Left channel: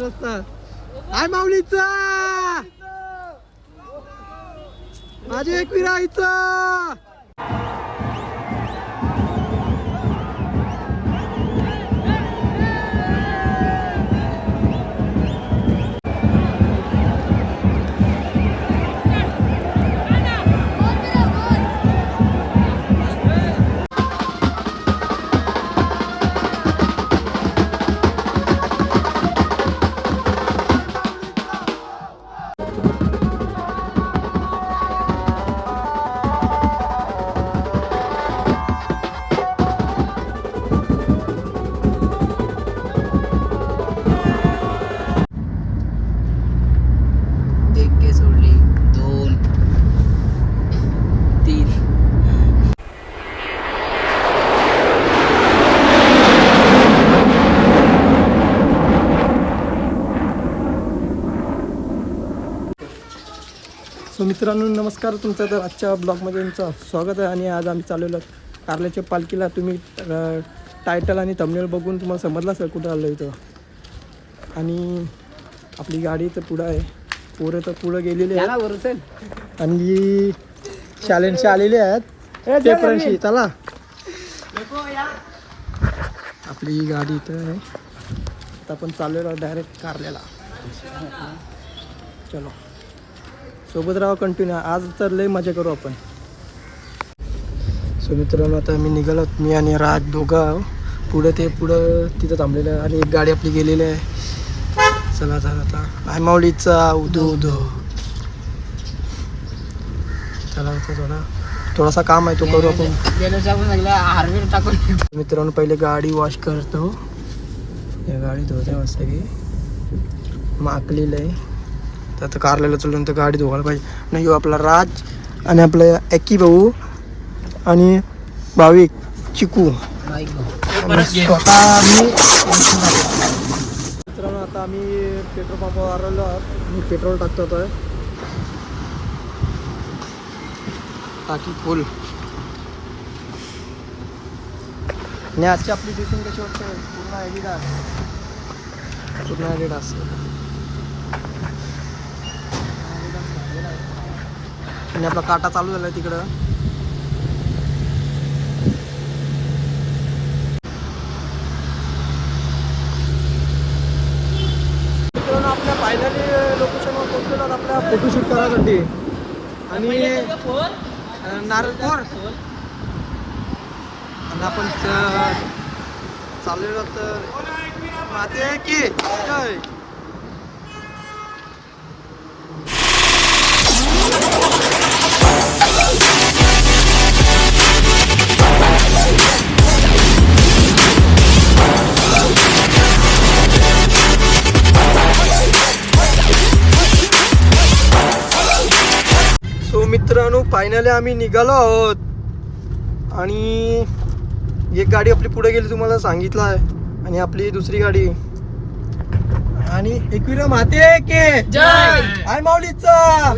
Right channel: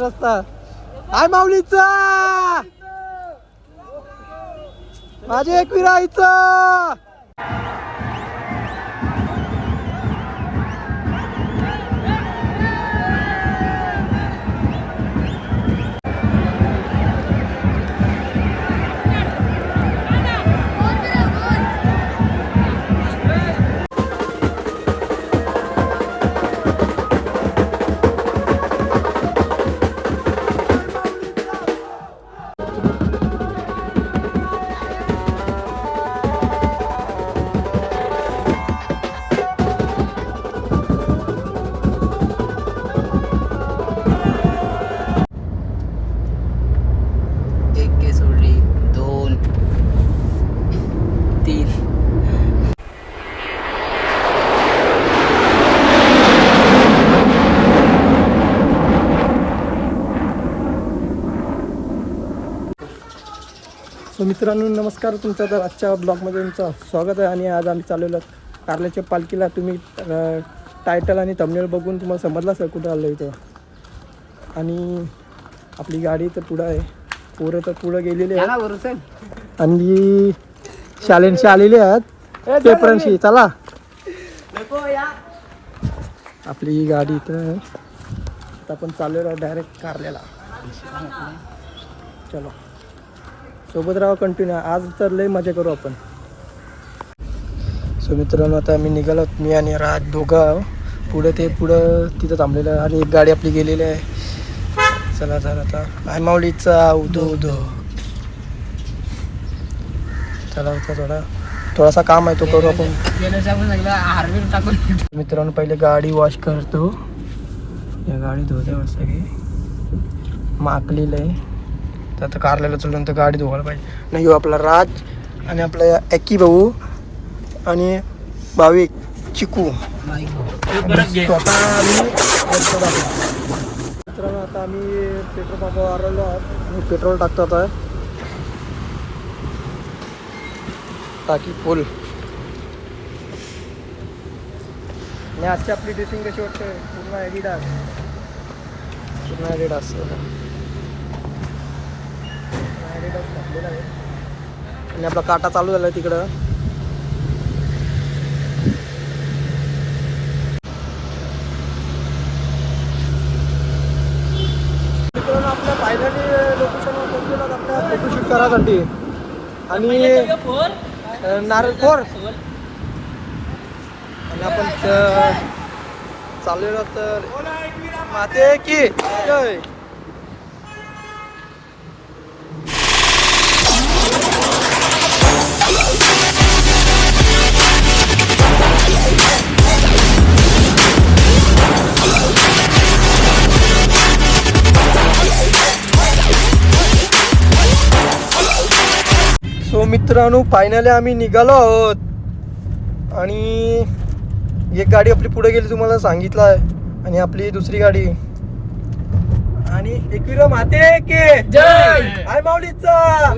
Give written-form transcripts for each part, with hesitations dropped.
रस्ता हाय माऊलीचा माझे एक विरायचं सो मित्रांनो नमस्कार, तुमचं तर आजच्या ब्लॉगमध्ये तुमचं स्वागत आहे. आणि आज आम्ही चाललेलो कारल्याच्या पालखीला. तुम्ही टायटल आणि थंबनेल बघून तुम्हाला समजलं असेल कुठं आलं इथं. आणि आपली गाडी तर पुढं आहे, पोरं तर पुढं गेलेली आहेत आणि शालेंशी आलेले आहेत पेपरांशी. चला आपली गाडी इथं आहे. आता आपण चाललेलो डायरेक्ट कारल्याला. चलो सोबत राहा, कंटिन्यू. आज तर लई मजा करू आपण. सो मित्रांनो आता आम्ही निघालो, मी आणि राज दोघं पुढं तिथं थांबलेलं आहे. आणि एक गाडी आपली गेलेली आहे. चला आता आय माऊलीचा उदो उदो. चला आता थोडासा काम आहे तो करू आपण. मित्रांनो पहिले गाडी वॉश करतो. या गाडी धुते मस्त की माकलेलं आहे. आता कारल्याला चालून तर गाडी धुवायला पाहिजे. नाही आपला राज आणि आपला एकी भाऊ आणि भाविक चिकू. मित्रांनो आता आम्ही पेट्रोल पंपावर आलेलो आहोत. पेट्रोल टाकतो आता. टाकी फुल. आणि आजची आपली ड्रेसिंग कशी वाटते? पूर्ण ॲडिडास घातलेला आहे. आणि आपला काटा चालू झाला आहे तिकडं. मित्रांनो आपल्या फायनली लोकेशनवर पोहोचलेलो आहोत आपल्या फोटोशूट करायसाठी. आणि नारळखोर आणि आपण चाललेलो तर माते की जय. सो मित्रांनो फायनली आम्ही निघालो आहोत. आणि एक गाडी आपली पुढे गेली तुम्हाला सांगितलं आहे. आणि आपली दुसरी गाडी आणि एकविरा माते के जय. आय माऊलीचा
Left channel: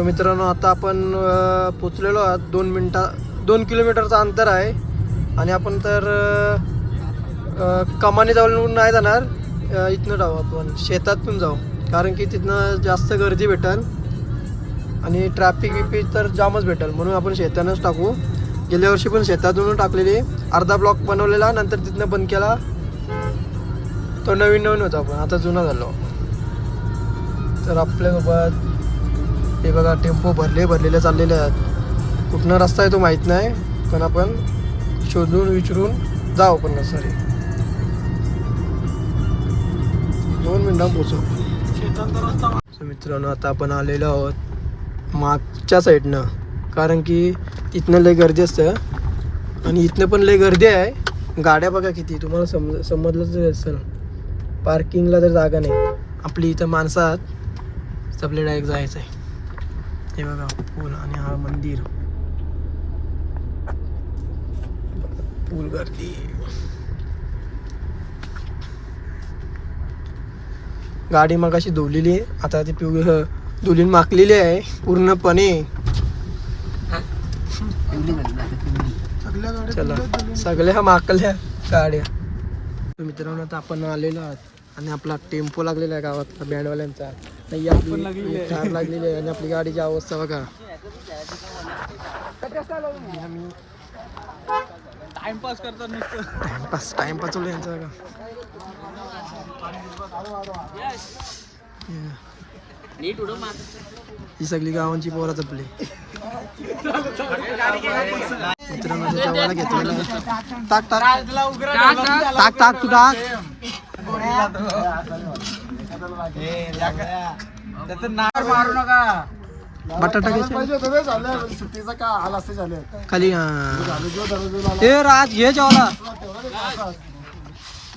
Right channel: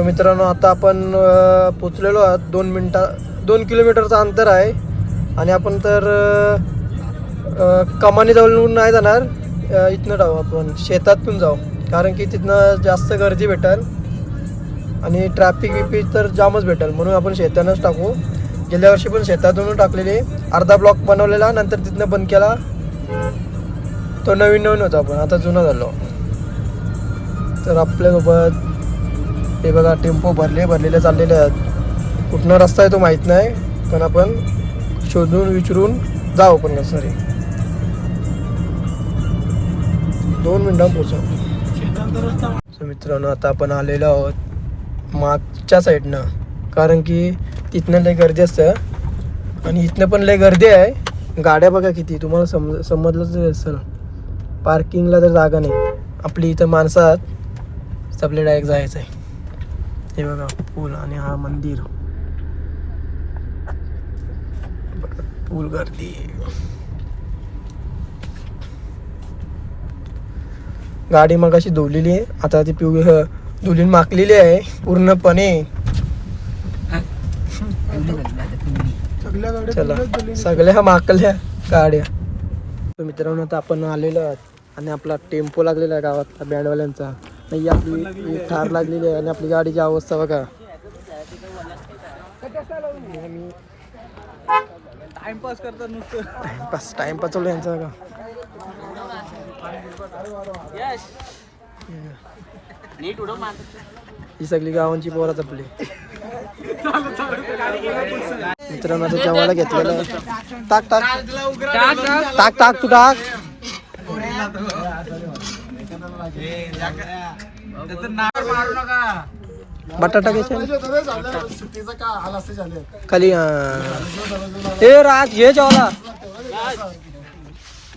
तो मित्रांनो आता आपण पोचलेलो आहात 2 किलोमीटरचं अंतर आहे आणि आपण तर कमानी जवळून नाही जाणार, इथनं जाऊ आपण शेतातून जाऊ, कारण की तिथनं जास्त गर्दी भेटेल आणि ट्रॅफिक विपीक तर जामच भेटेल, म्हणून आपण शेतानंच टाकू. गेल्या वर्षी पण शेतातून टाकलेले, अर्धा ब्लॉक बनवलेला नंतर तिथनं बंद केला. तो नवीन होता, आपण आता जुना झालो. तर आपल्यासोबत हे बघा टेम्पो भरलेले चाललेले आहेत. कुठनं रस्ता आहे तो माहीत नाही, पण आपण शोधून विचारून जाऊ आपण कसं रे. 2 मिनिटांत पोचू. मित्रांनो आता आपण आलेलो आहोत मागच्या साईडनं, कारण की तिथनं लय गर्दी असतं आणि इथनं पण लय गर्दी आहे. गाड्या बघा किती, तुम्हाला समजलंच असेल. पार्किंगला तर जागा नाही. आपली इथं माणसं आहात, तर आपल्याला डायरेक्ट जायचं आहे. हे बघा पूल आणि हा मंदिर, पूल गर्दी. गाडी मग अशी धुवलेली आहे, आता ती धुलीन माकलेली आहे पूर्णपणे. चला सगळ्या माकल्या गाड्या. तर मित्रांनो आता आपण आलेलो आहोत आणि आपला टेम्पो लागलेला आहे गावातला बँडवाल्यांचा. नाही आपली ठार लागलेली आहे आणि आपली गाडीची अवस्था बघा. आम्ही टाइमपास करतो नुसतं, टाइमपास चालू यांचा बघा. ही सगळी गावांची पोरात आपली. मित्रांनो आता जेवायला घेतलेलं. टाक टाक टाक टाक तू टाक. बटाटा घ्यायचा खाली. ए राज घे जेवायला.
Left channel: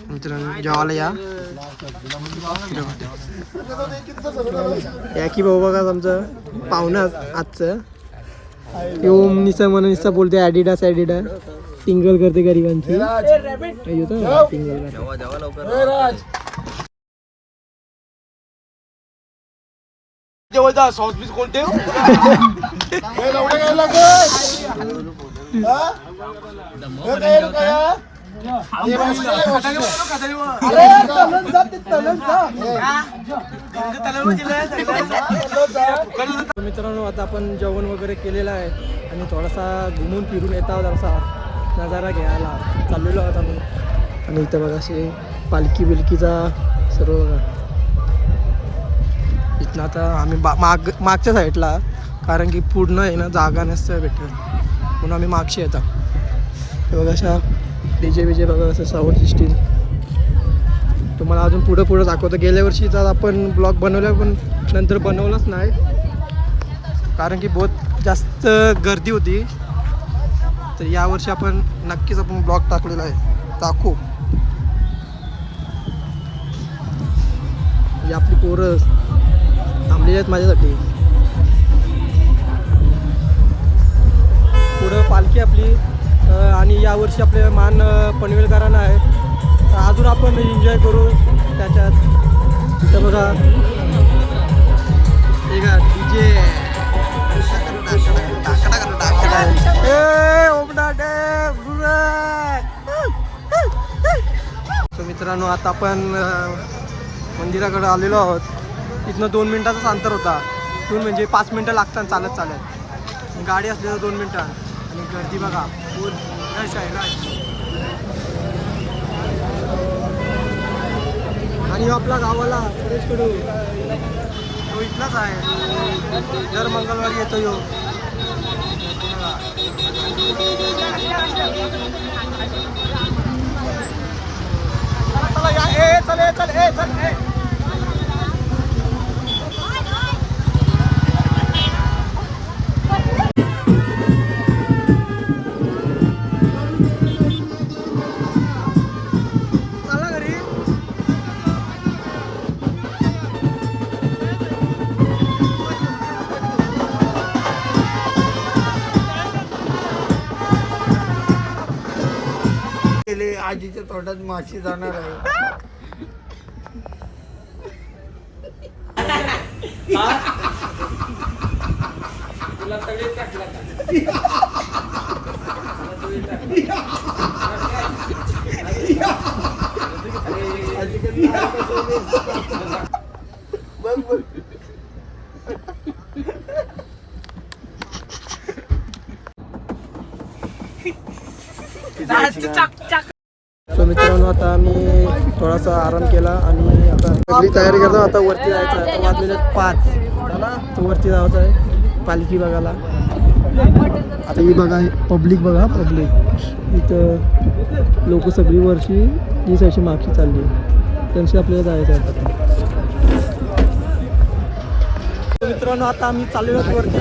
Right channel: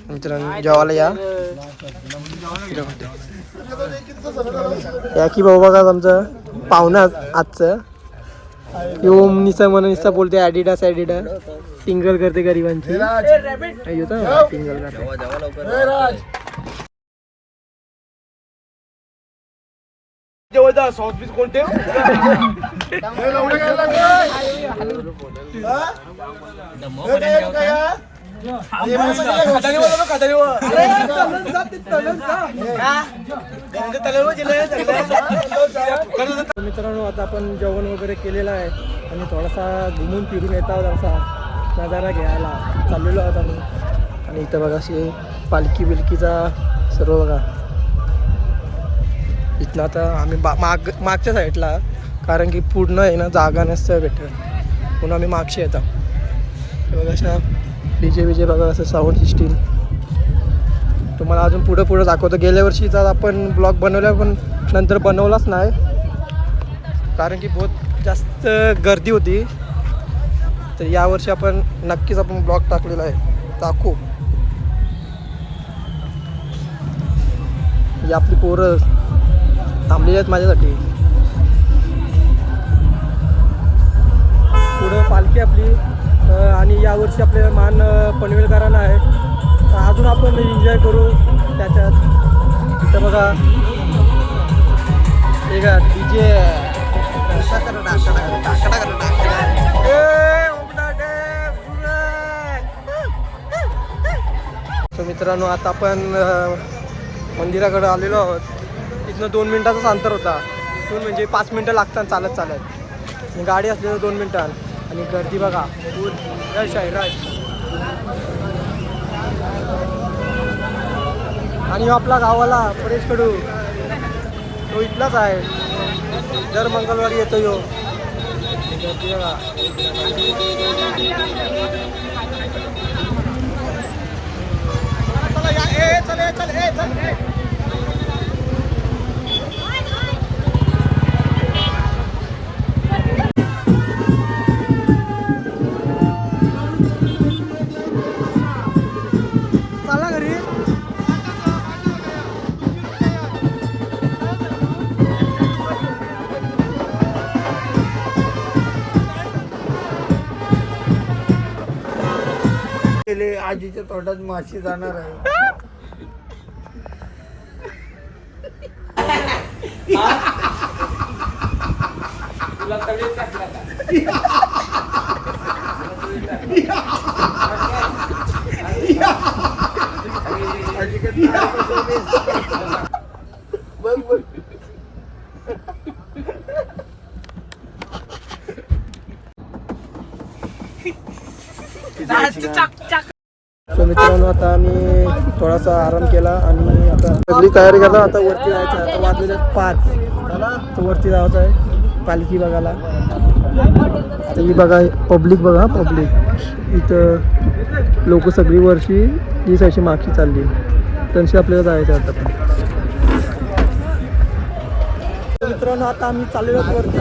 मित्रांनो जेवायला या की भाऊ बघा आमचं पाहुणा आजचं. ओम निसा म्हणून निसा बोलते ॲडिडास टिंगल करते गरिबांची. टिंगल मित्रांनो आता आपण जेवण वगैरे केलेलं आहे आणि थोडासा घुमून फिरून येत आहोत, असा नजारा घ्यायला चाललेलो आहोत आम्ही. आणि इथं बघा असे पालखी बिलकीचा सर्व बघा. इथनं आता आम्ही मागच्या साईडला, कारण की पूर्ण आहे ना जागा नसतं भेटत, म्हणून आम्ही मागशी येतात. बघा अशा डीजे बीजे बघा असं साऊंड सिस्टीम. तुम्हाला अजून पुढं दाखवतो. गेल्या वर्षीचा आपण ब्लॉग बनवला पण नंतर बनवलाच नाही, कारण की बहुत जास्त गर्दी होती. तर यावर्षी आपण नक्कीच ब्लॉग टाकलेला आहे, टाकू. ही आपली पोरं थांबलेली आहेत माझ्यासाठी. पुढं पालखी आपली आणि यावर्षी आपल्या मान पनवेलकरांना आहे. तर अजून आपण एन्जॉय करू त्याच्यात. तिथं बघा हे का डीजे तर मित्रांनो आता आपण मंदिराकडे आलेलो आहोत. इथनं 2 मिनिटाचाच अंतर होता. 2 म्हणजे 5 मिनटं लागतात चालत चालत. गाडी असलेलं 2 मिनिटां. आणि गर्दी बघा फुल. यश आहे राज. आणि आपला गावाला परेश कडू तो इथलाच आहे, दर मंगळवारी येतो यो. गर्दी बघा. आजीच्या तोंडात माशी जाणार आहे. सो मित्रांनो, आता आम्ही थोडासा आराम केला आणि आता सगळी तयारी करता. आता वरती जायचं आहे. आता वाजलेले 5 तर वरती जायचं आहे पालखी बघायला. आता ही बघा पब्लिक, बघा पब्लिक इथं लोक सगळी वर्षी ही सायची मागची चालली. त्यांची आपल्याला जायचं आहे आता. मित्रांनो, आता आम्ही चाललेलो वरती.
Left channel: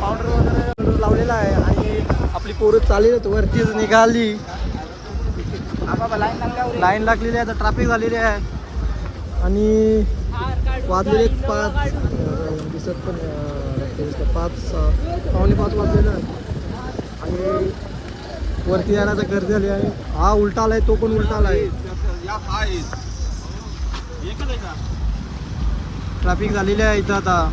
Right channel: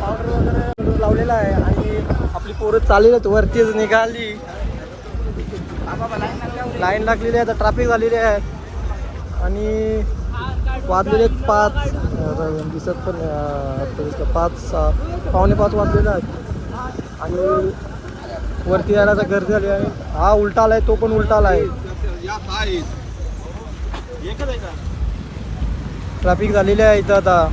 पावडर वगैरे लावलेला आहे आणि आपली पोरं चाललेली वरतीच निघाली. लाईन लागलेली आहे. आता ट्रॅफिक झालेली आहे आणि वाजलेले 5 दिसत पण 5:15 वाजलेला आहे आणि वरती यायला तर गर्दी झाली आहे. हा उलटा आलाय, तो पण उलटा आलाय. ट्रॅफिक झालेली आहे इथं आता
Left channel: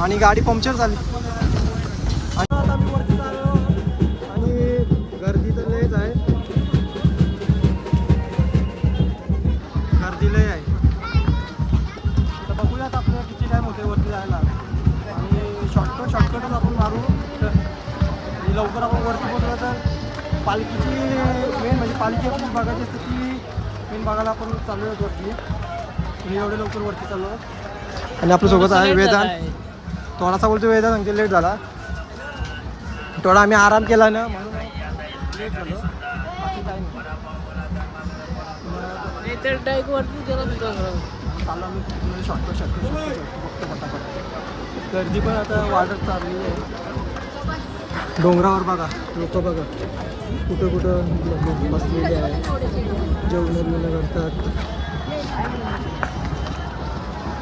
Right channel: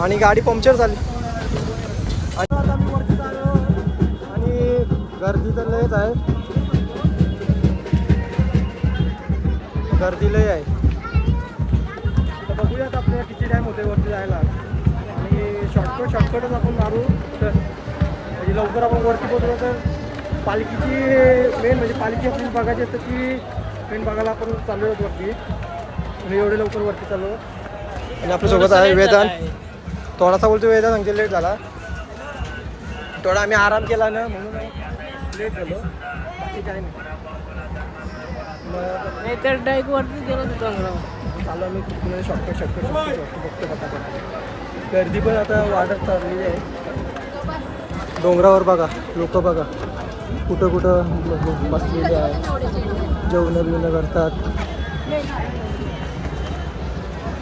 आणि गाडी पंक्चर झाली. आणि आता मी वरती आलो आणि गर्दी तर लयच आहे. गर्दी लय आहे. तर बघूयात आपल्याला किती टाईम होते वरती जायला आणि शॉर्टकटच आपण मारू तर म्हणजे लवकर आपण वरती पोहोचलो तर पालखीची मेन म्हणजे पालखी आपली बघायची असते ती मेन बघायला आपण चाललो आहोत वरती. म्हणजे एवढे लवकर वरती चाललो आणि आपल्यासोबत आहे वेदांत. थोडासा बोलतो वेदांत म्हणजे लेट झाला. थोडा आम्ही आराम केला ना म्हणून लेट झालो, बाकी काय नाही. चालू आम्ही तिकडे शॉर्टकट बघतो पटापट. गर्दी पण आता वाढत चाललेली आहे. डोंगरावर बघा लोक बघा कुठं कुठं बसलेले आहे, जेवण करतात.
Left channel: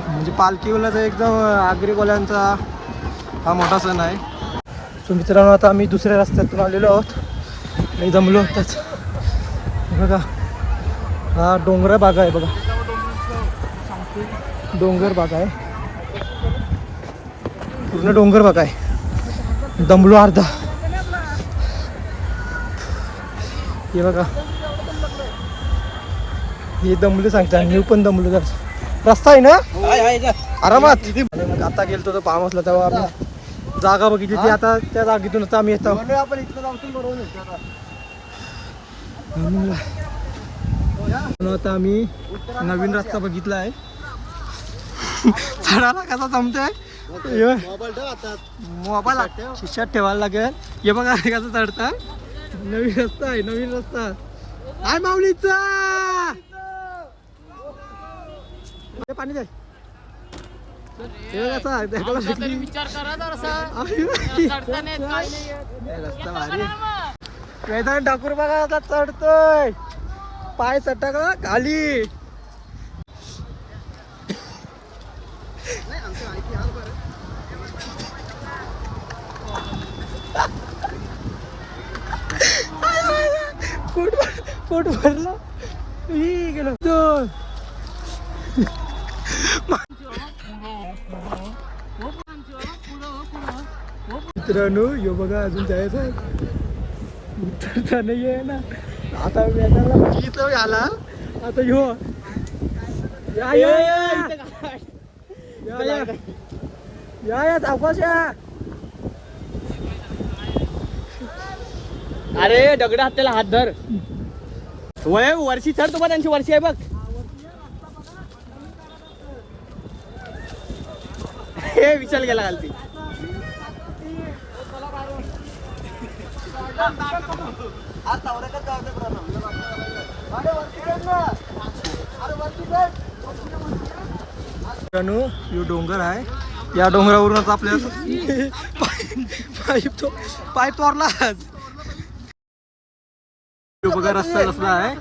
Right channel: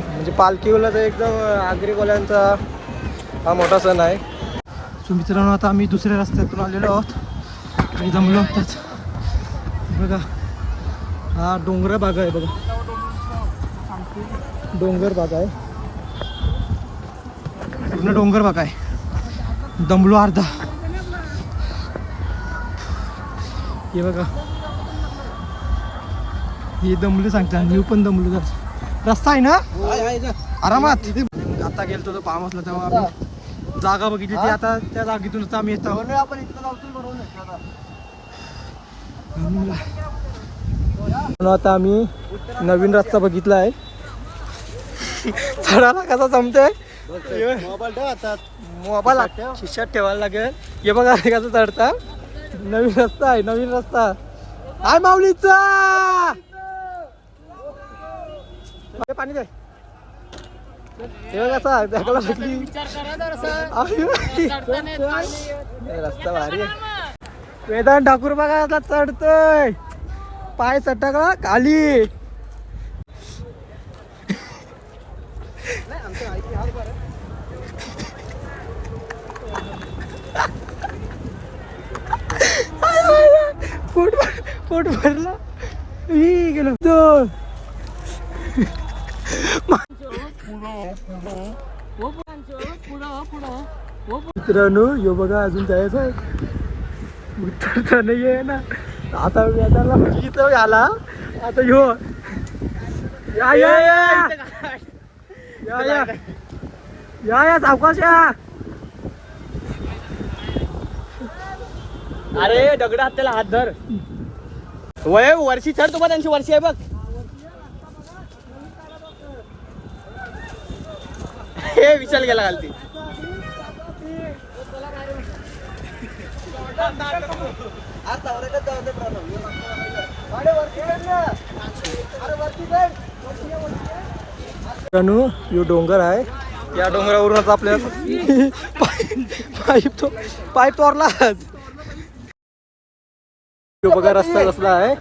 म्हणजे पालखीवाला तर एकदम आगरीवाल्यांचा हा मोठा सण आहे. सो मित्रांनो, आता आम्ही दुसऱ्या रस्त्यातून आलेलो आहोत आणि जमलो आताच. बघा हा डोंगर भाग आहे, बघा डोंगर भाग आहे, पूर्ण डोंगर भाग आहे. दमलो अर्धा. हे बघा हे दमले सांगतात, मी पण दमलो. तर रस्ता आहे ना आरामात. मग आता गेलतो तर फार्म हाऊसला तेव्हा आम्ही जागा बघितली ती. आता त्या जागेतूनच आम्ही येतो. आपण इथलं जाऊन बरोबर आता आम्ही नवीन रस्ता बघितला आहे. चढायला कसा जमतोय, मोबाईल खिशात ठेवायला लागेल. हे बघा कसं चढता. नवीन रस्ता आहे, नवीन रस्ता आहे माऊलीचा. पाणी दे. कसा रस्ता भारी आहे. वेदांत ठाकूर बघा चढतोय, पाय सट्टा का खाली. गेलो मित्रांनो. यो बघा अजून जायचं आहे, उतरता नाही आहे ना. आता वेदाला इथं आला. आता यो या या या या या या या सावकाश या. अरे दगड हात त्याला हात धर. वय वर्षी चढ तुम्हाला त्यांची वर्षी आहे बघ. हे विचार गेला घालती. यो डोंगर आहे. या डोंगरावरून आपल्याला पाय तोरलाच. बघा रस्ता कसला आहे.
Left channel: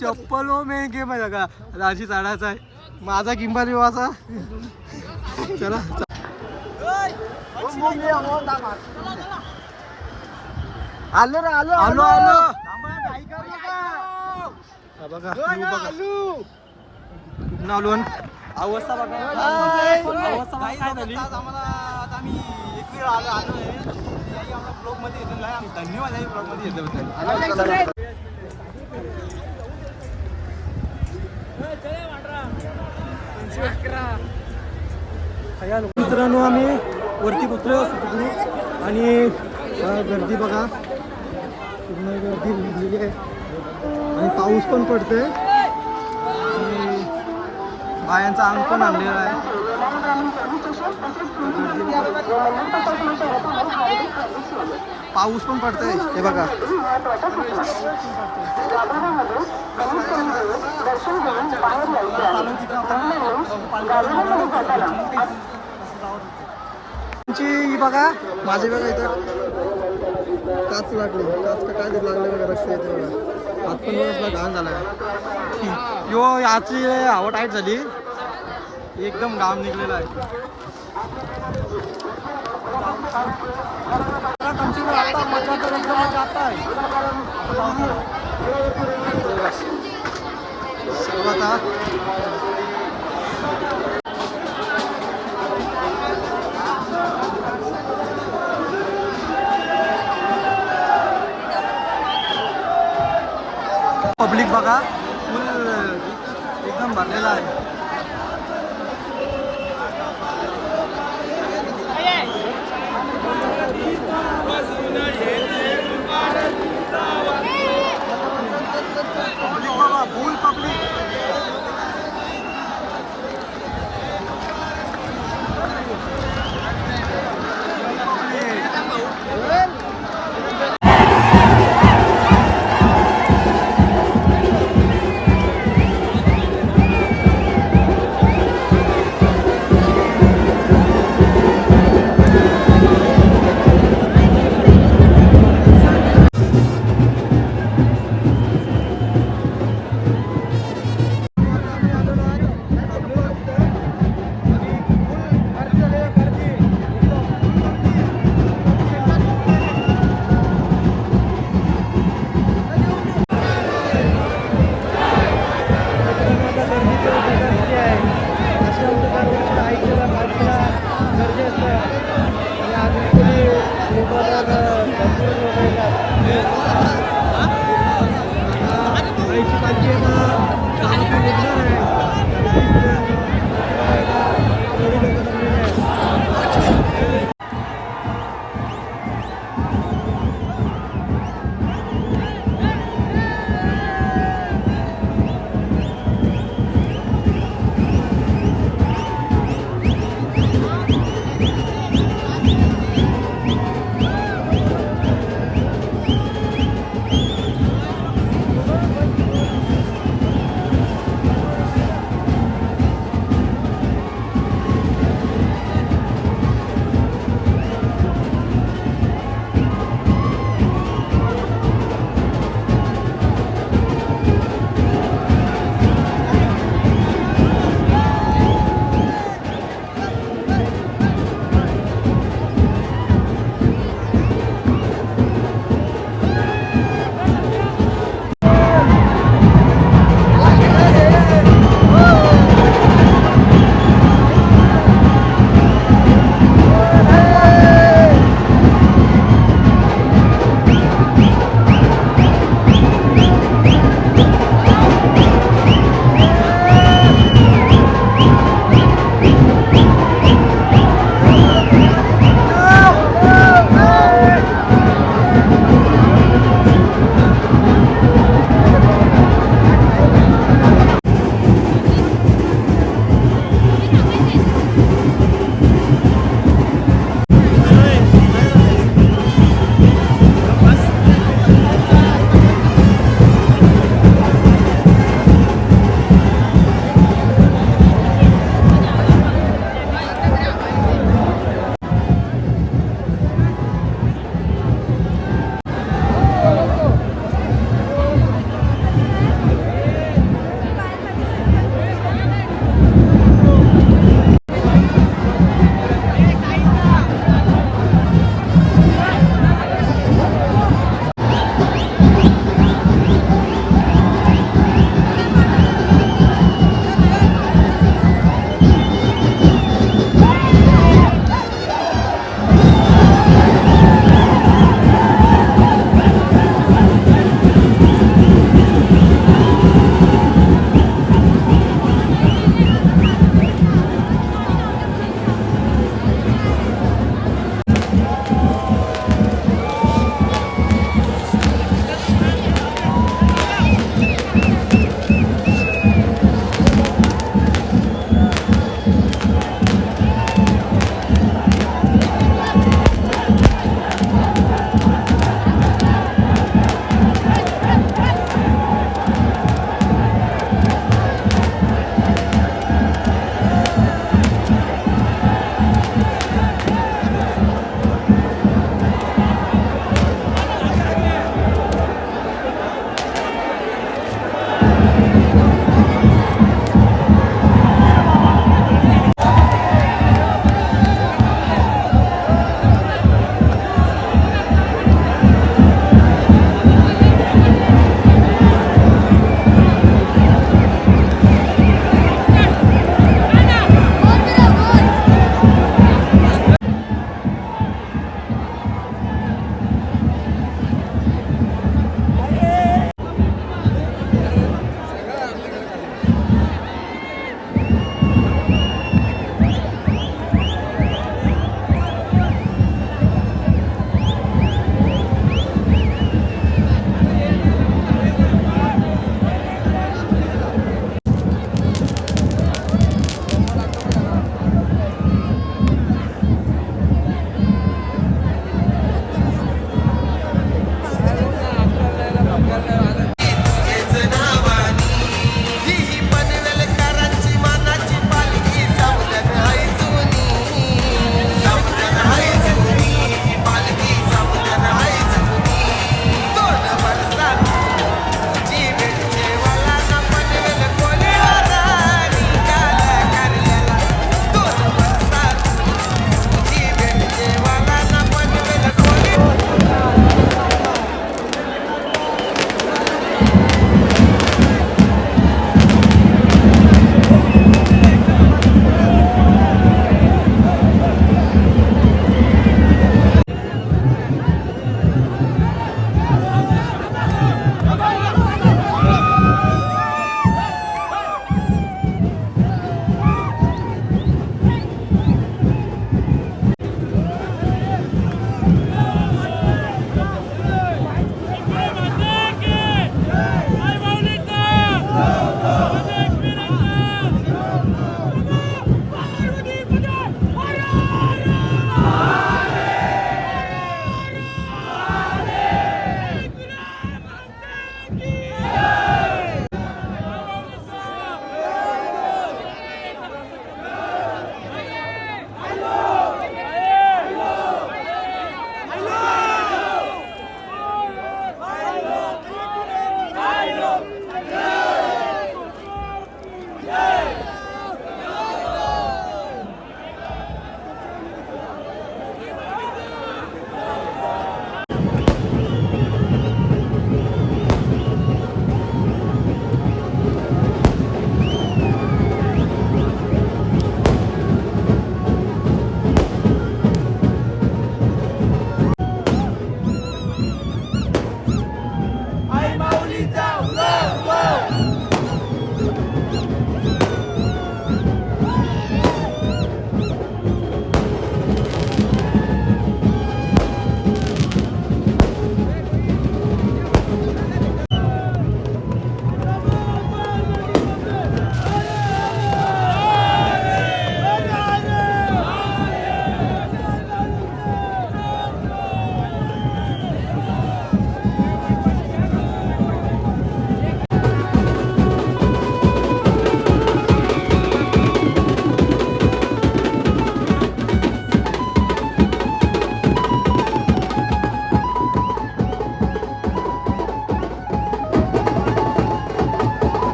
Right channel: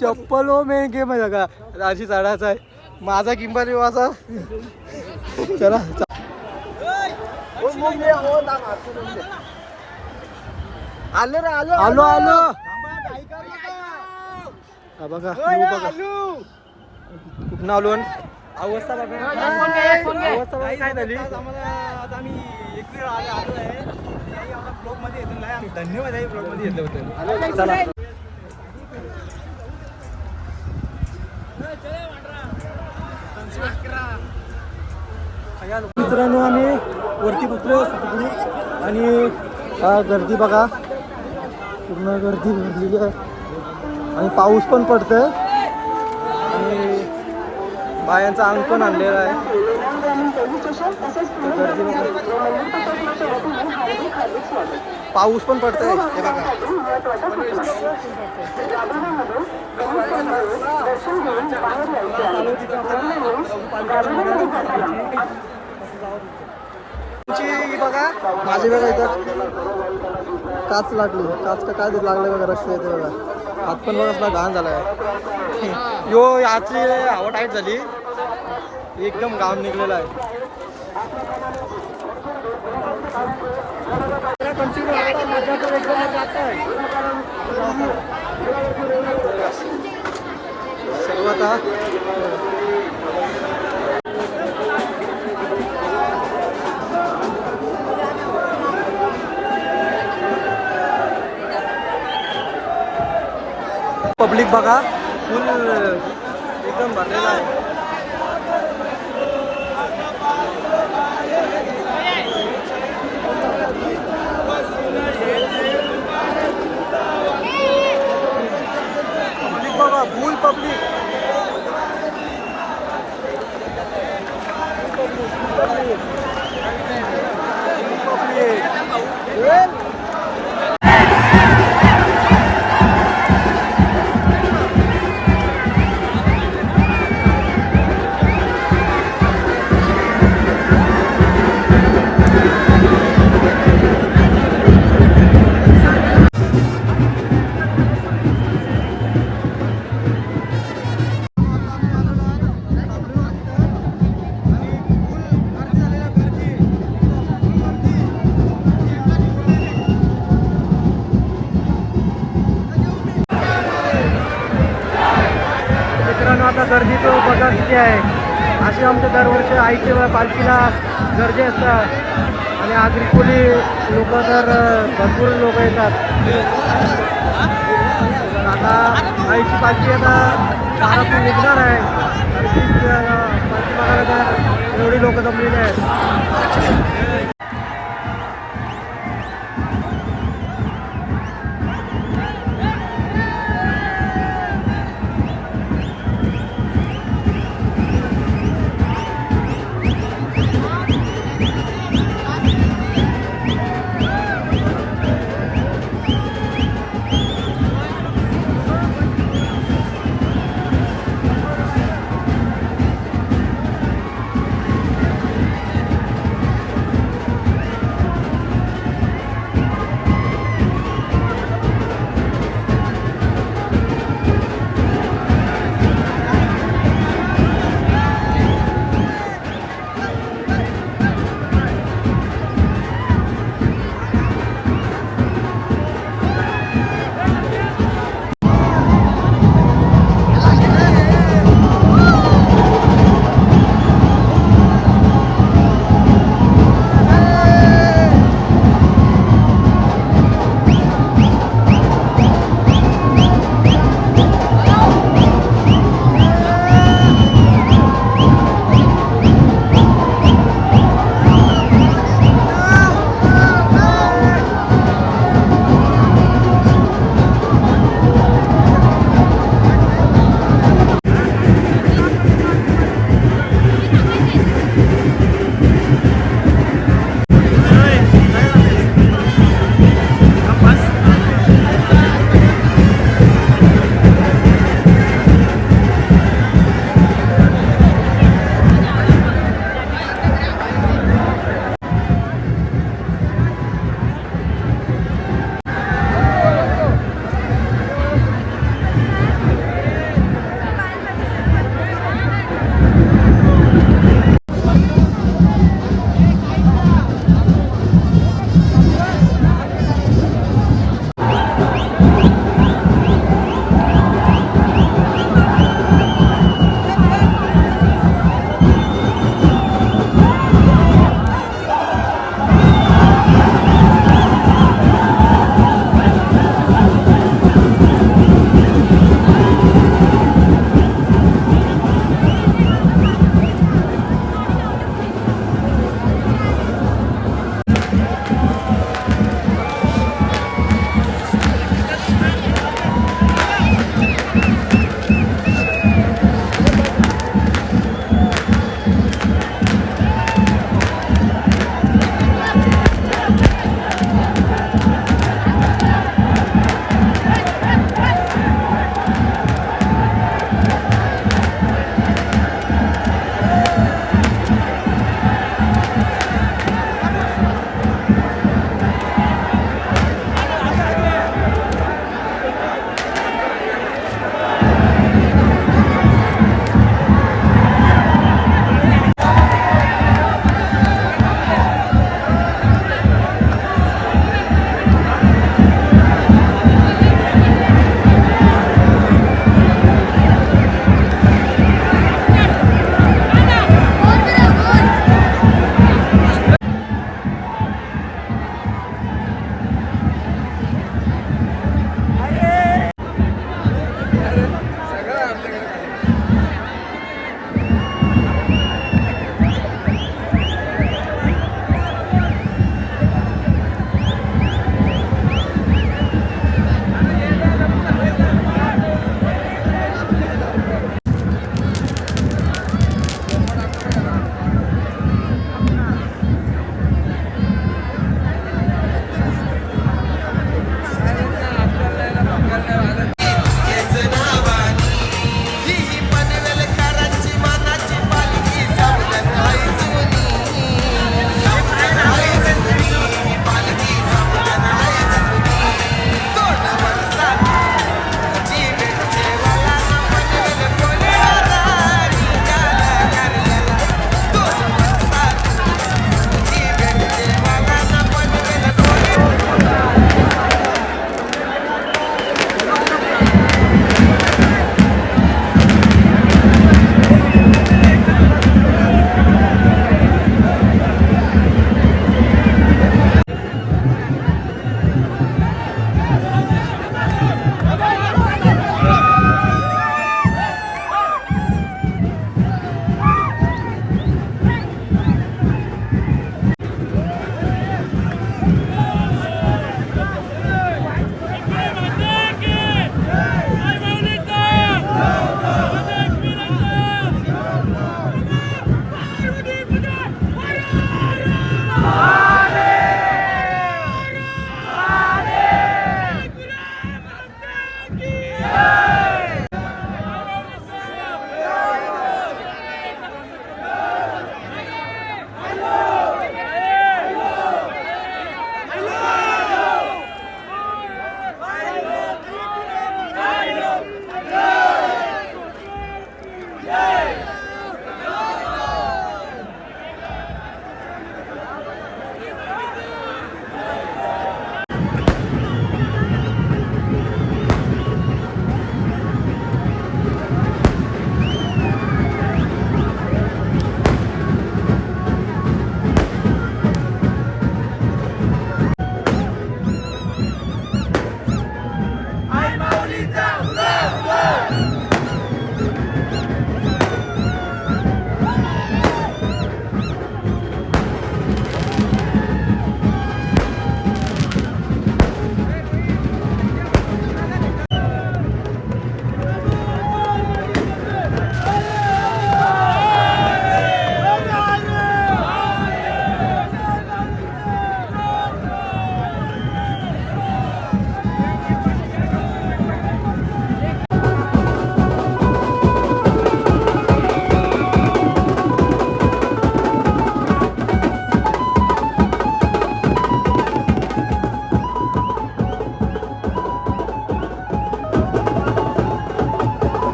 चप्पल हो मेन गेम आहे का राजी चढायचा आहे. माझा किंबा असा. चला आलो रे आलो आलो आलो. बघा बघा कुठं आलो. अवस्था बघा अवस्था बघा काय झाली. आम्हाला आता आम्ही एक वेळ आलो आहे याही आम्हाला ब्लॉगमध्ये येतो नाही आम्ही धन्यवाद आहे ब्लॉगमध्ये येतो. मित्रांनो आम्ही वरती पोचलो सतगुरू आणि गर्दी बघा पूर्ण गर्दी भरलेली आहे आणि पाऊस पण पडतोय आणि बायांचा अंग पण आणलेला आहे. गर्दी पाऊस पण पडतोय हे बघा. चालू तिथं आपण पालख्याला ही बघा माझी बघा इथं काच लागली. काच का काय लागलं बघा रस्ते येते बघा. हात पण बघा घाण झाला आहे. यो याची हवा टाईट झाली एकदम घाम निघलेला आहे. कंटिन्यू आता मजा तर एकदम मजा आता आहे सर्वात पब्लिक बघा फुल एकदम भरलेला आहे. पब्लिक बघा फुल पब्लिक. गर्दी तो बघा किती आहे. असे आमच्या दरवर्षी आईच्या पालखीला गर्दी असतात आणि आगरी भरपूर लोक येतात. आता आईची पालखी आता दारातून निघणार आहे. पालखी बघायला एवढी लोक जमलेली आहेत.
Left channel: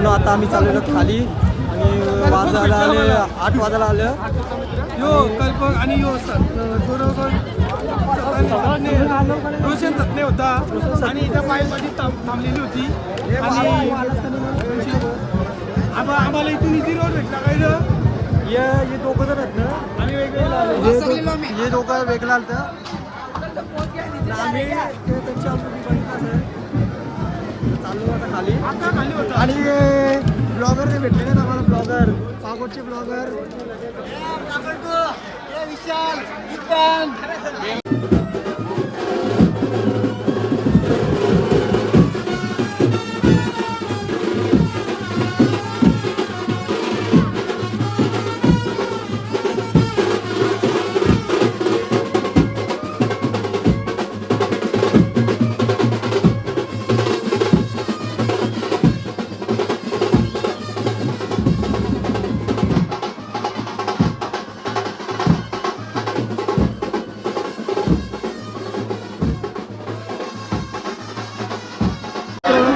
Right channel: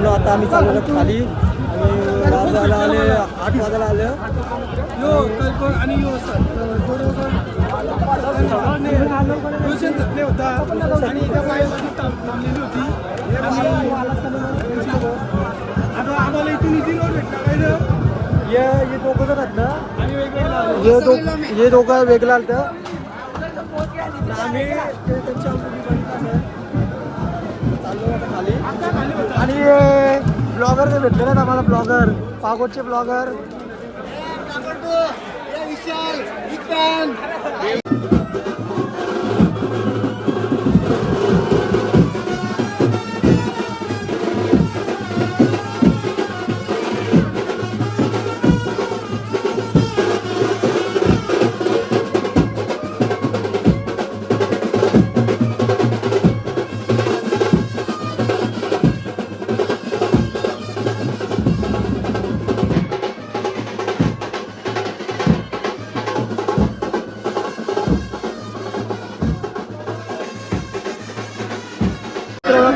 मित्रांनो आता आम्ही चाललेलो खाली आणि वाजायला आले 8 वाजायला आलं आणि रोशन तत्ने होता आणि त्या पायमध्ये थांबलेली होती आणि आता आम्हाला इथून इझी रोड भेटला काय हे दोघं जण आहेत ना हे दोघं वेगळं आलं आम्ही ते त्यांच्या बघितलं सर चाललो आता खाली आणि ब्लॉगर ते भेटले ना आम्हाला ब्लॉगर पागोटचे ब्लॉगर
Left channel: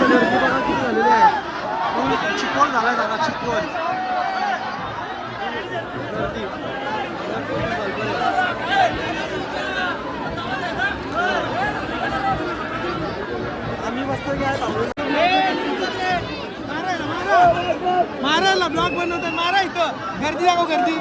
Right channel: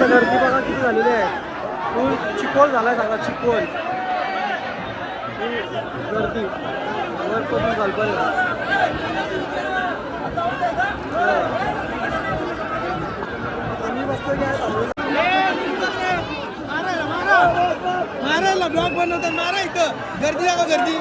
गर्दी बघा किती झालेली आहे फुल चिकोल झालाय सगळा चिकोल गर्दी आम्ही मस्त मारायला ब्लॉग बनवतात मारा इथं गर्दी दाखव गर्दी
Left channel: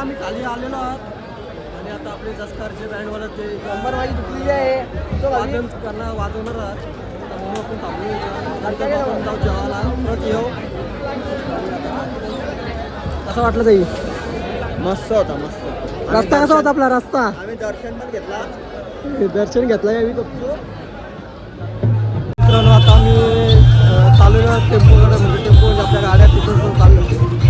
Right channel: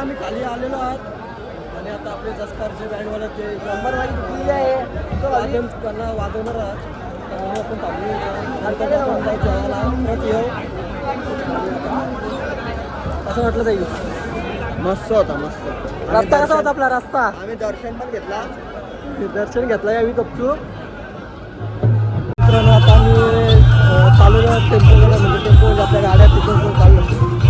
आम्ही खाली आलेलो आहात आणि आता आपले जसकारचे बँडवाला ते नंबर वादन करणार वाजवणार आहात तर म्हणून आपण थांबलो नंतर आपण जाऊ जेवायला परत येऊ कसं वाटलं ताई मस्त होता मस्त रस्ता कसा होता आपला रस्ता आम्ही दर्शन पण घेतला दर्शन घेतलं यावी गपचूप मित्रांनो आता आम्ही चाललेलो टेम्पोकडे म्हणजे टेम्पो म्हणजे आपल्या गाड्या तिथून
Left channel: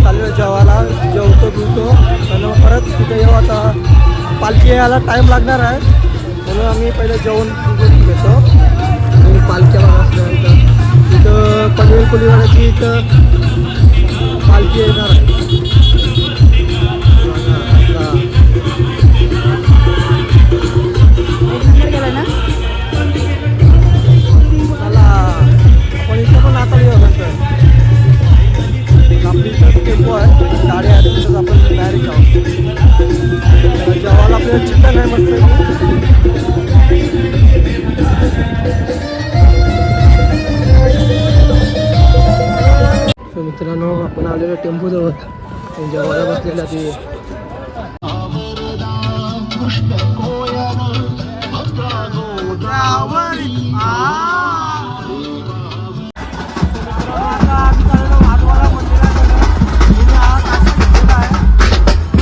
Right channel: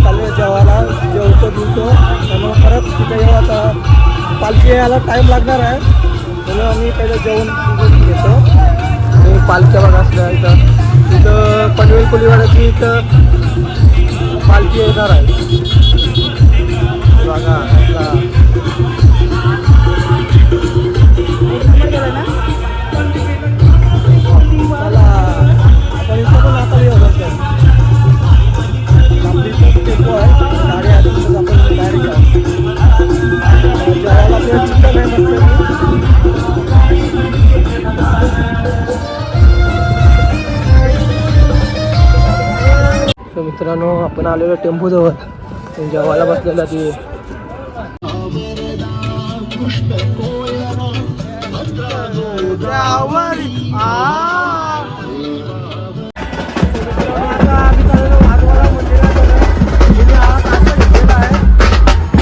चाललेलो जेवायला जेवतो बिवतो आणि मग परत तिथे येऊ आता पालखी यायला टाईम लागणार आहे म्हणून आम्ही पहिलं जेवण घेतो आणि पालख्या बघा आपल्या इथं पनवेल कोलीवाड्याची इथं पालखी येणार आहे बघा आता चला आपण इथं पण आता येऊ नंतर आपली इथं टेम्पो आहे आणि गाडी आहे तिथंच आपण डायरेक्ट जाऊ जेवायला आपल्याला चिकन आहे मस्त तर मित्रांनो आपण आलेलो टेम्पोजवळ जेवायला बसलेला ते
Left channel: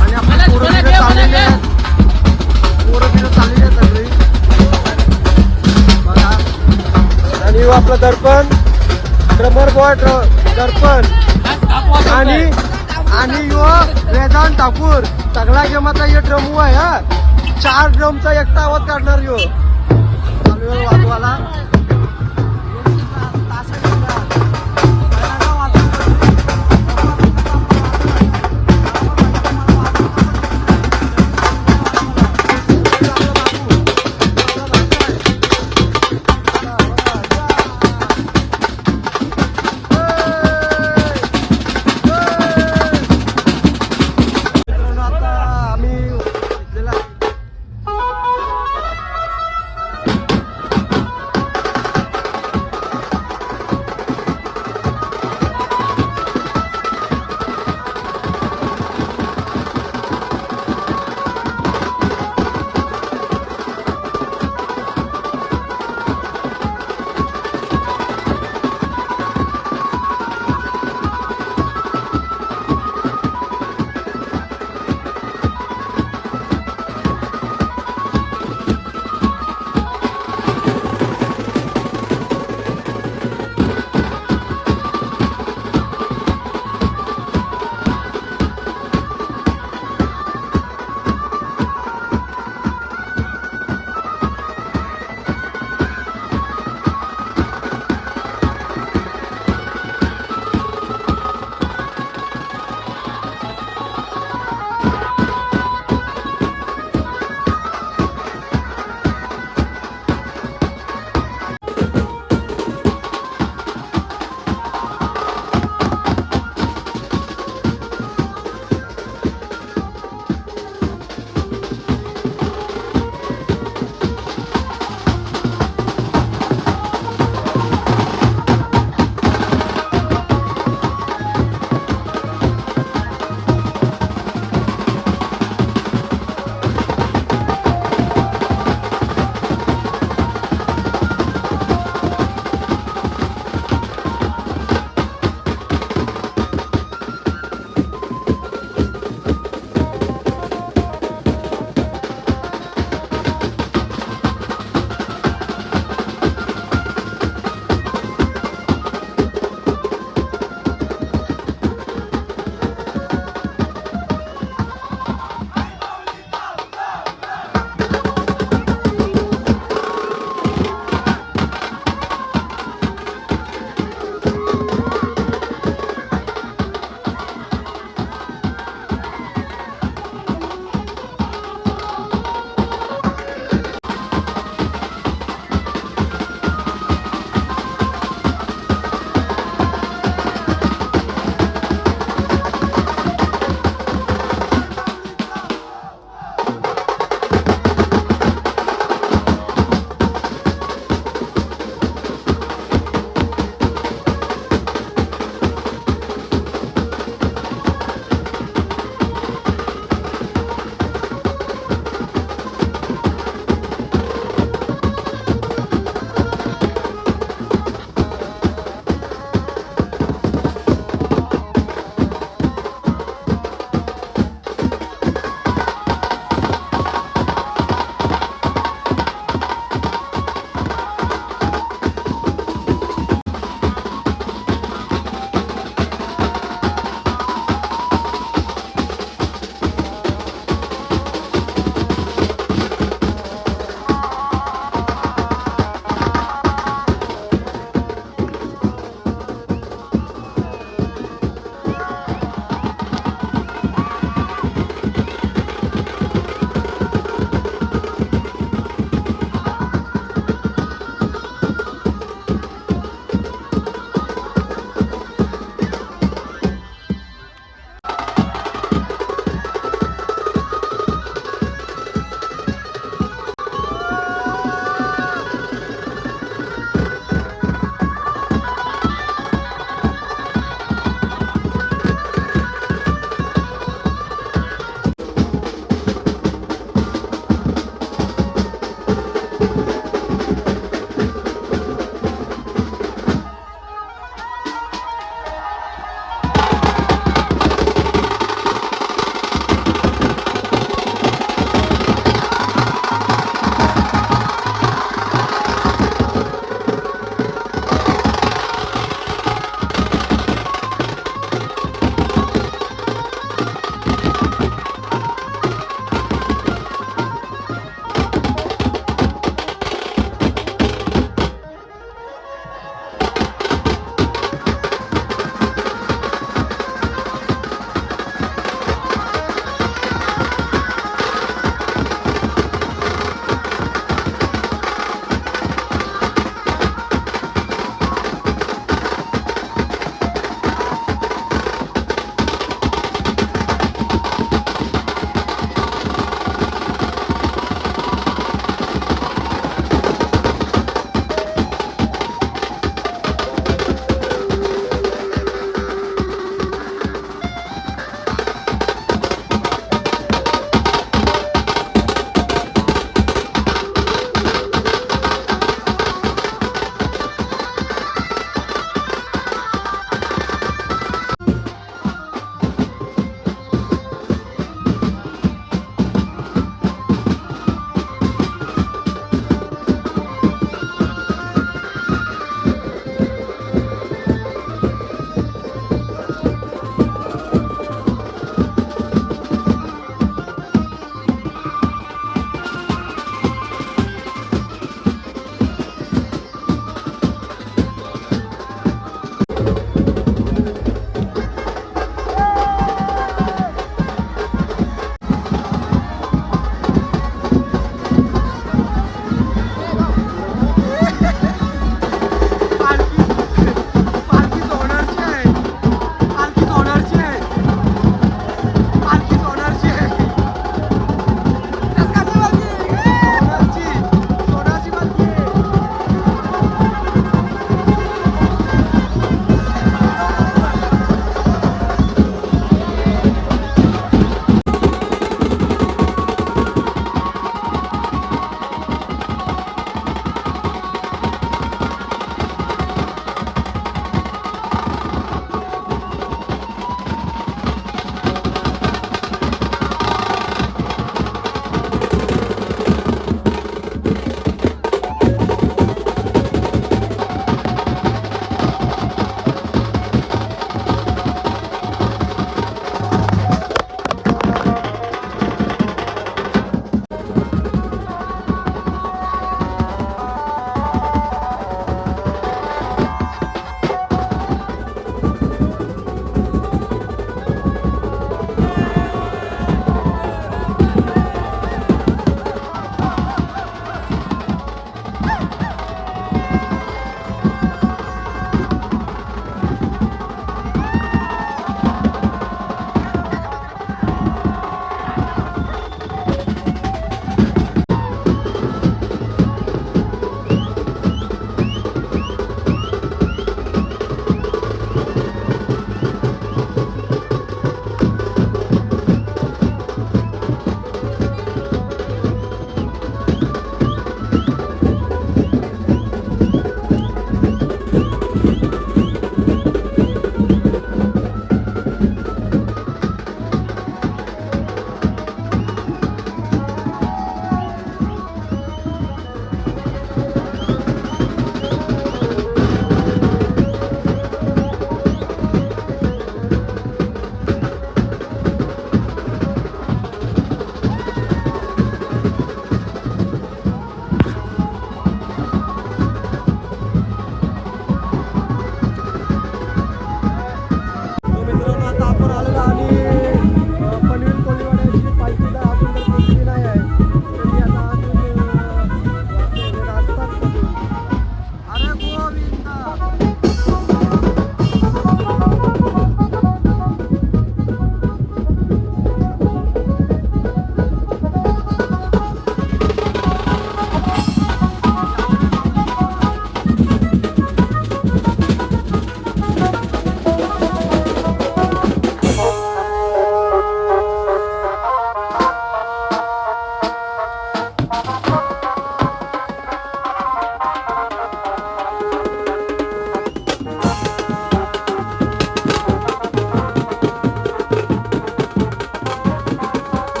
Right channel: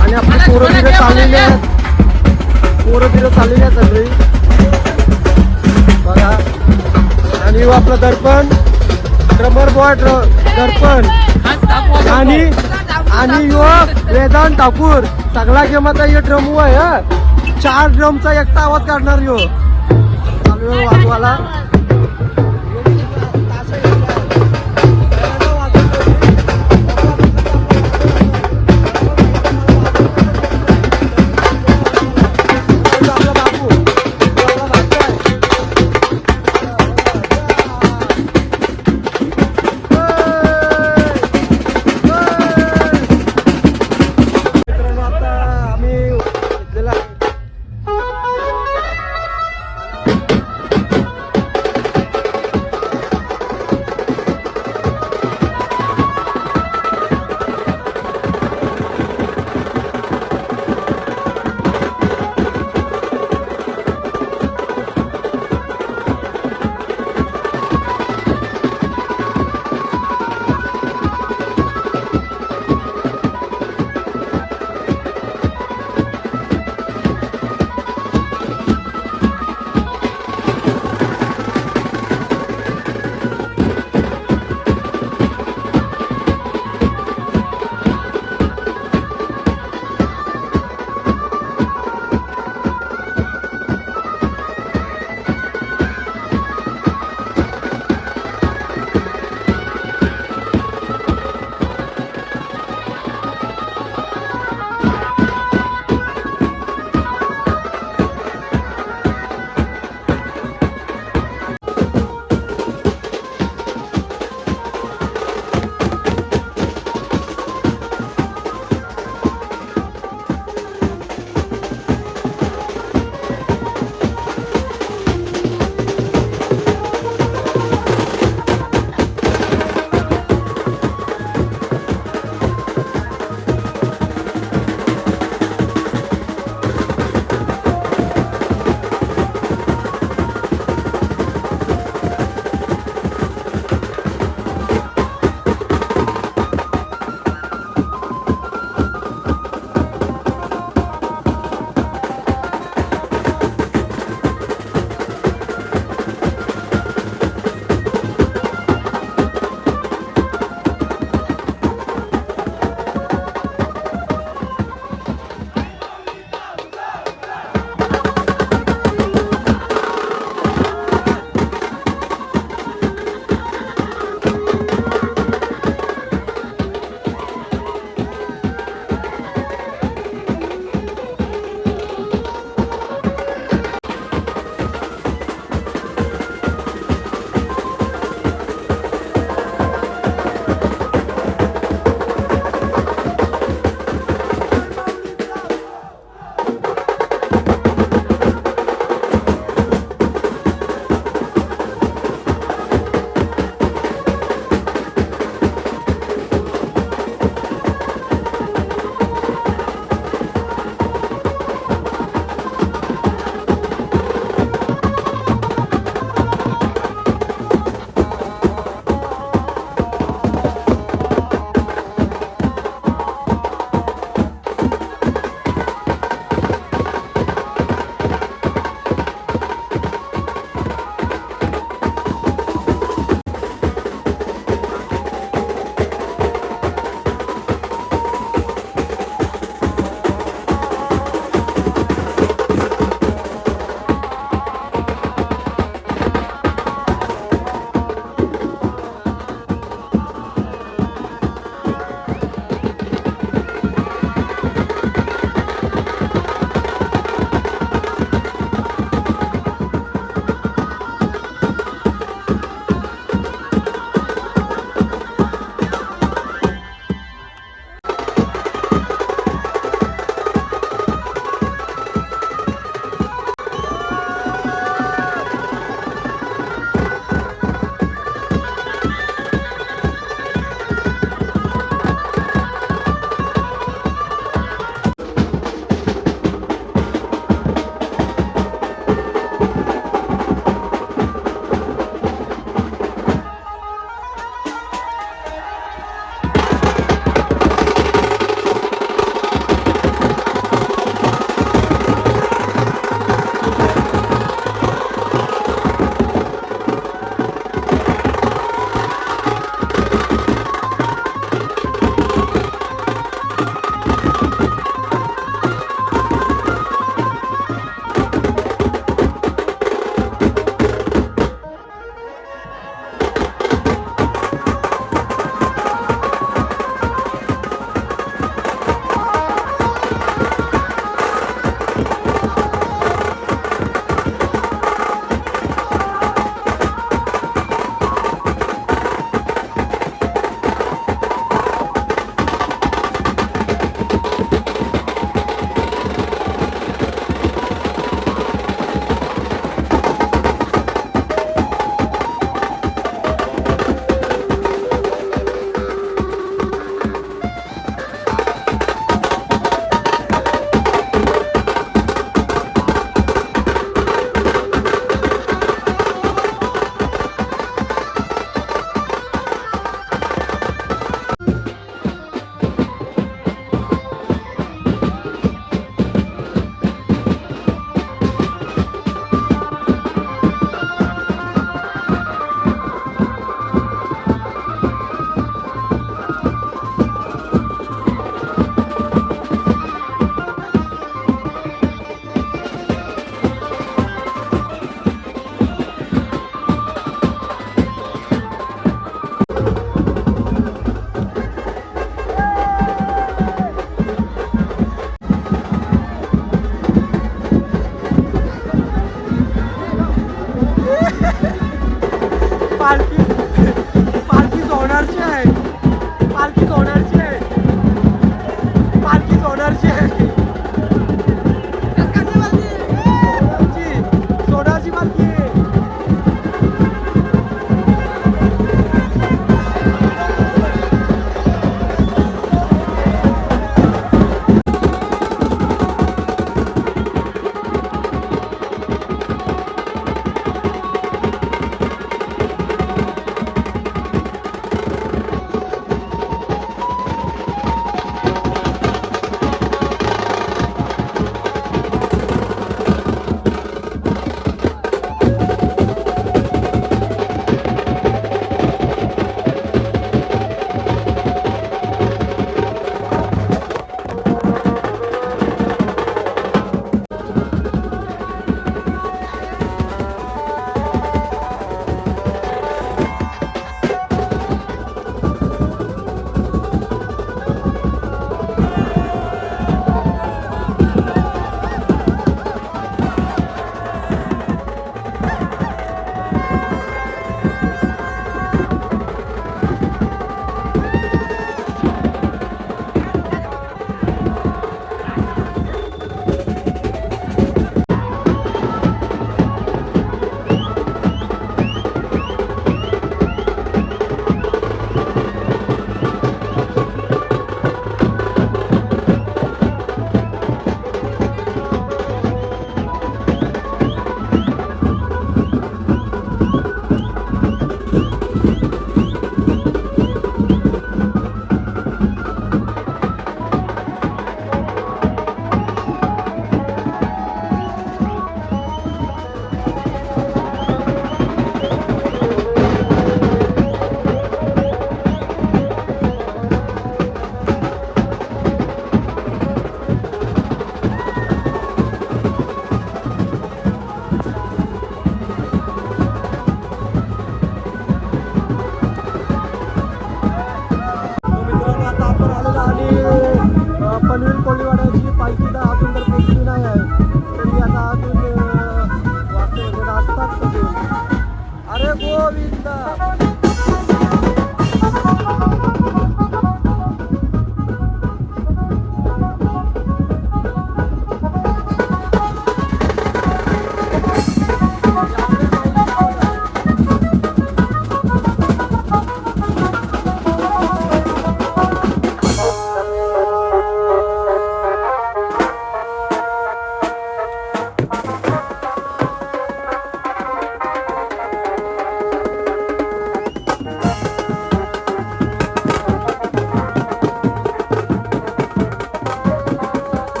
आणि आपली पोरं बिरं चाललेली आहेत सगळी बघा आणि आपलं दर्पण आणि युवक वेदांत ठाकूर सगळा गेमाचा हे ड्रमू आहे हा 4 ड्रमचा एकटा आवाज काढणार यो वाजवाला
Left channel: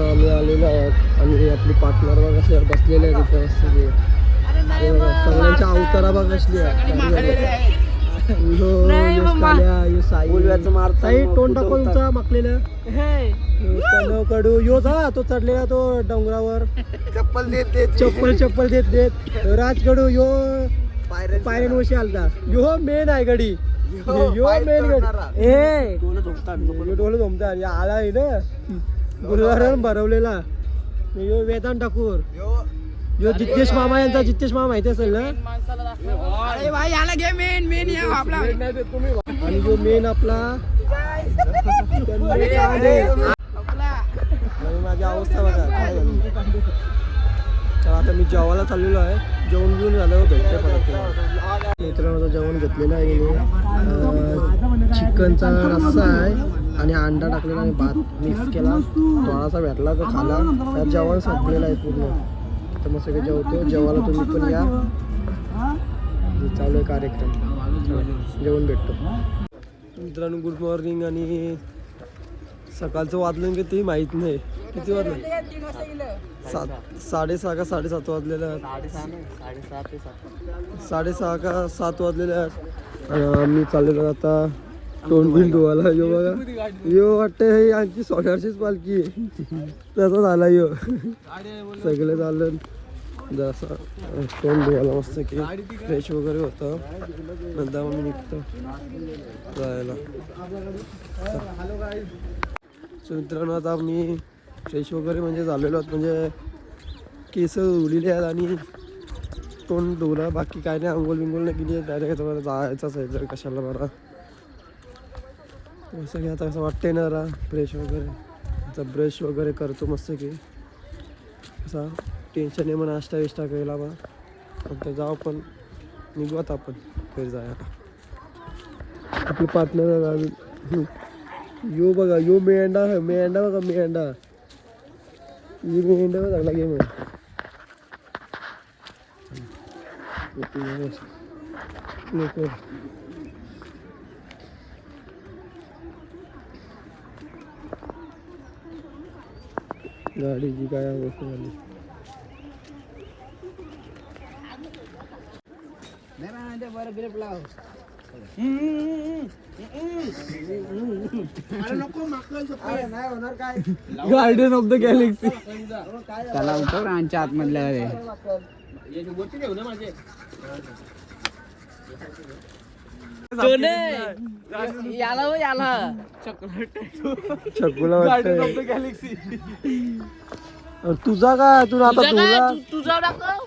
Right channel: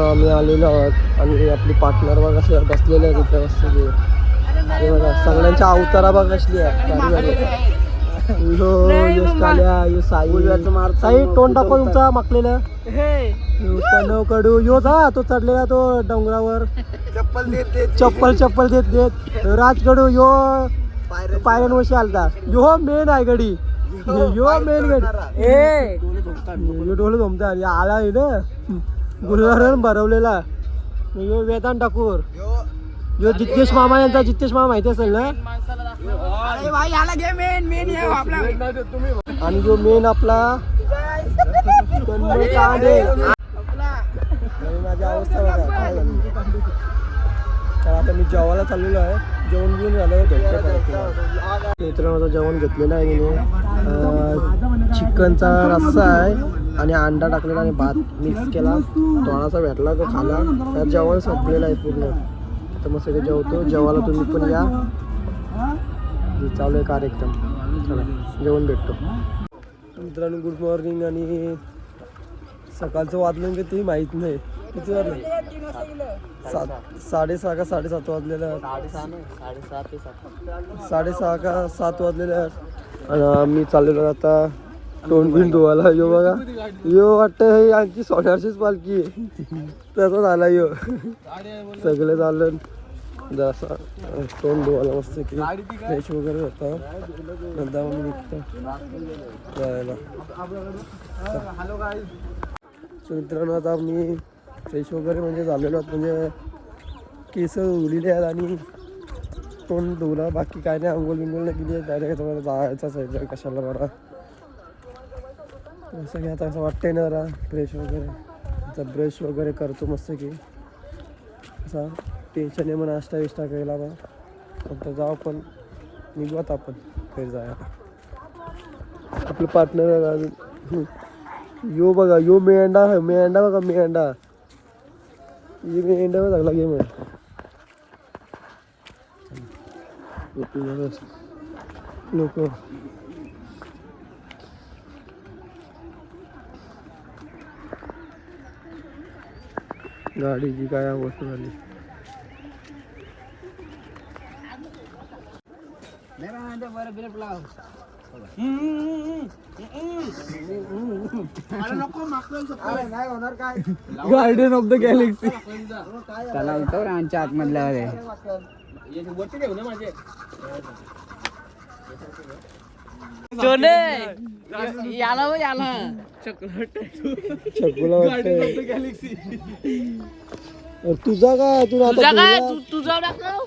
मित्रांनो आम्ही आलेलो आहोत आणि आपली पार्टनर बघा कसे बसलेले आहेत तिथे बसलेली सगळ्यांच्या अवतारा बघा कसली आहे साई तोंड दाखव तुमचा माकलेला कडू योच हा तो चढलेला तो डोंगरावर चप्पल देत राजकडू यो पायऱ्यांवशी आलता यो मेन आहे गडी यो मेन गडी डोलं झोमता आला आहे ना गुरुवारून भरवलेला यो वेदांत ठाकूर यो जितेश मामा यांचा जितेश मामा माहिती असेल ना आणि जो मेन आपला माझी अवस्था बघा काय झाली तर आता मी जेवायला चाललेलो आहे जेवण घेऊन झालं भेटते परत मित्रांनो जेवण घेतलेलं आहे चिकनचा रस्सा आहे आणि अंडा टाकलेला आणि भात मिक्स केला थोडासा भेटला तो खाला तर जेवण संपलेलं आहे पूर्ण तर मग सगळे जेवतो जेवायला तुम्ही पण या चालू आहे कार्यक्रम जेवण भेटतो मित्रांनो गुड मॉर्निंग आणि सकाळचं वाजलं किती माहीत नाही किती वाजलं 6:30 का 7:30 वाजलेलं साडेसहा का 7 वाजलेले आहेत आणि मी चाललेलो आता तोंड बिंड धुवायला यो बघा यो वाटतं हे आमची 1800च पालखी आहे तसं झाला यो सगळं झालं जसा तोंड धुवायला मस्त की फ्रेश वगैरे होतं नंतर मग मी निघतो जायला सो मित्रांनो आता मी फ्रेश वगैरे म्हणजे झालेलो आहोत म्हणजे केस धुलेले आहेत आणि तोंड धुवलं बाकी काय नाही अंघोळ बिंगोल नाही केली डायरेक्ट तुम्हाला जायचंच आहे जर कशाला बरा असं की आता असं वाटतंय ना जरा फ्रेश वगैरे आता ब्रश वगैरे करतो मस्त की असा टेन्शन आहे मग नाश्ता विष्टा केला बा नंतर जाऊ पण निघू आता आपण फिर जायला आपलं पार्टनर यो बघा यो मेंढा बघा मेंढा ये मेंढा बघा चांगला गेम आहे गाडीची काय अवस्था झाली गार्डन ऑफ द गॅलेक्सी त्याला उठव आमच्या आतमधल्या चकुला तुझा काय तू आता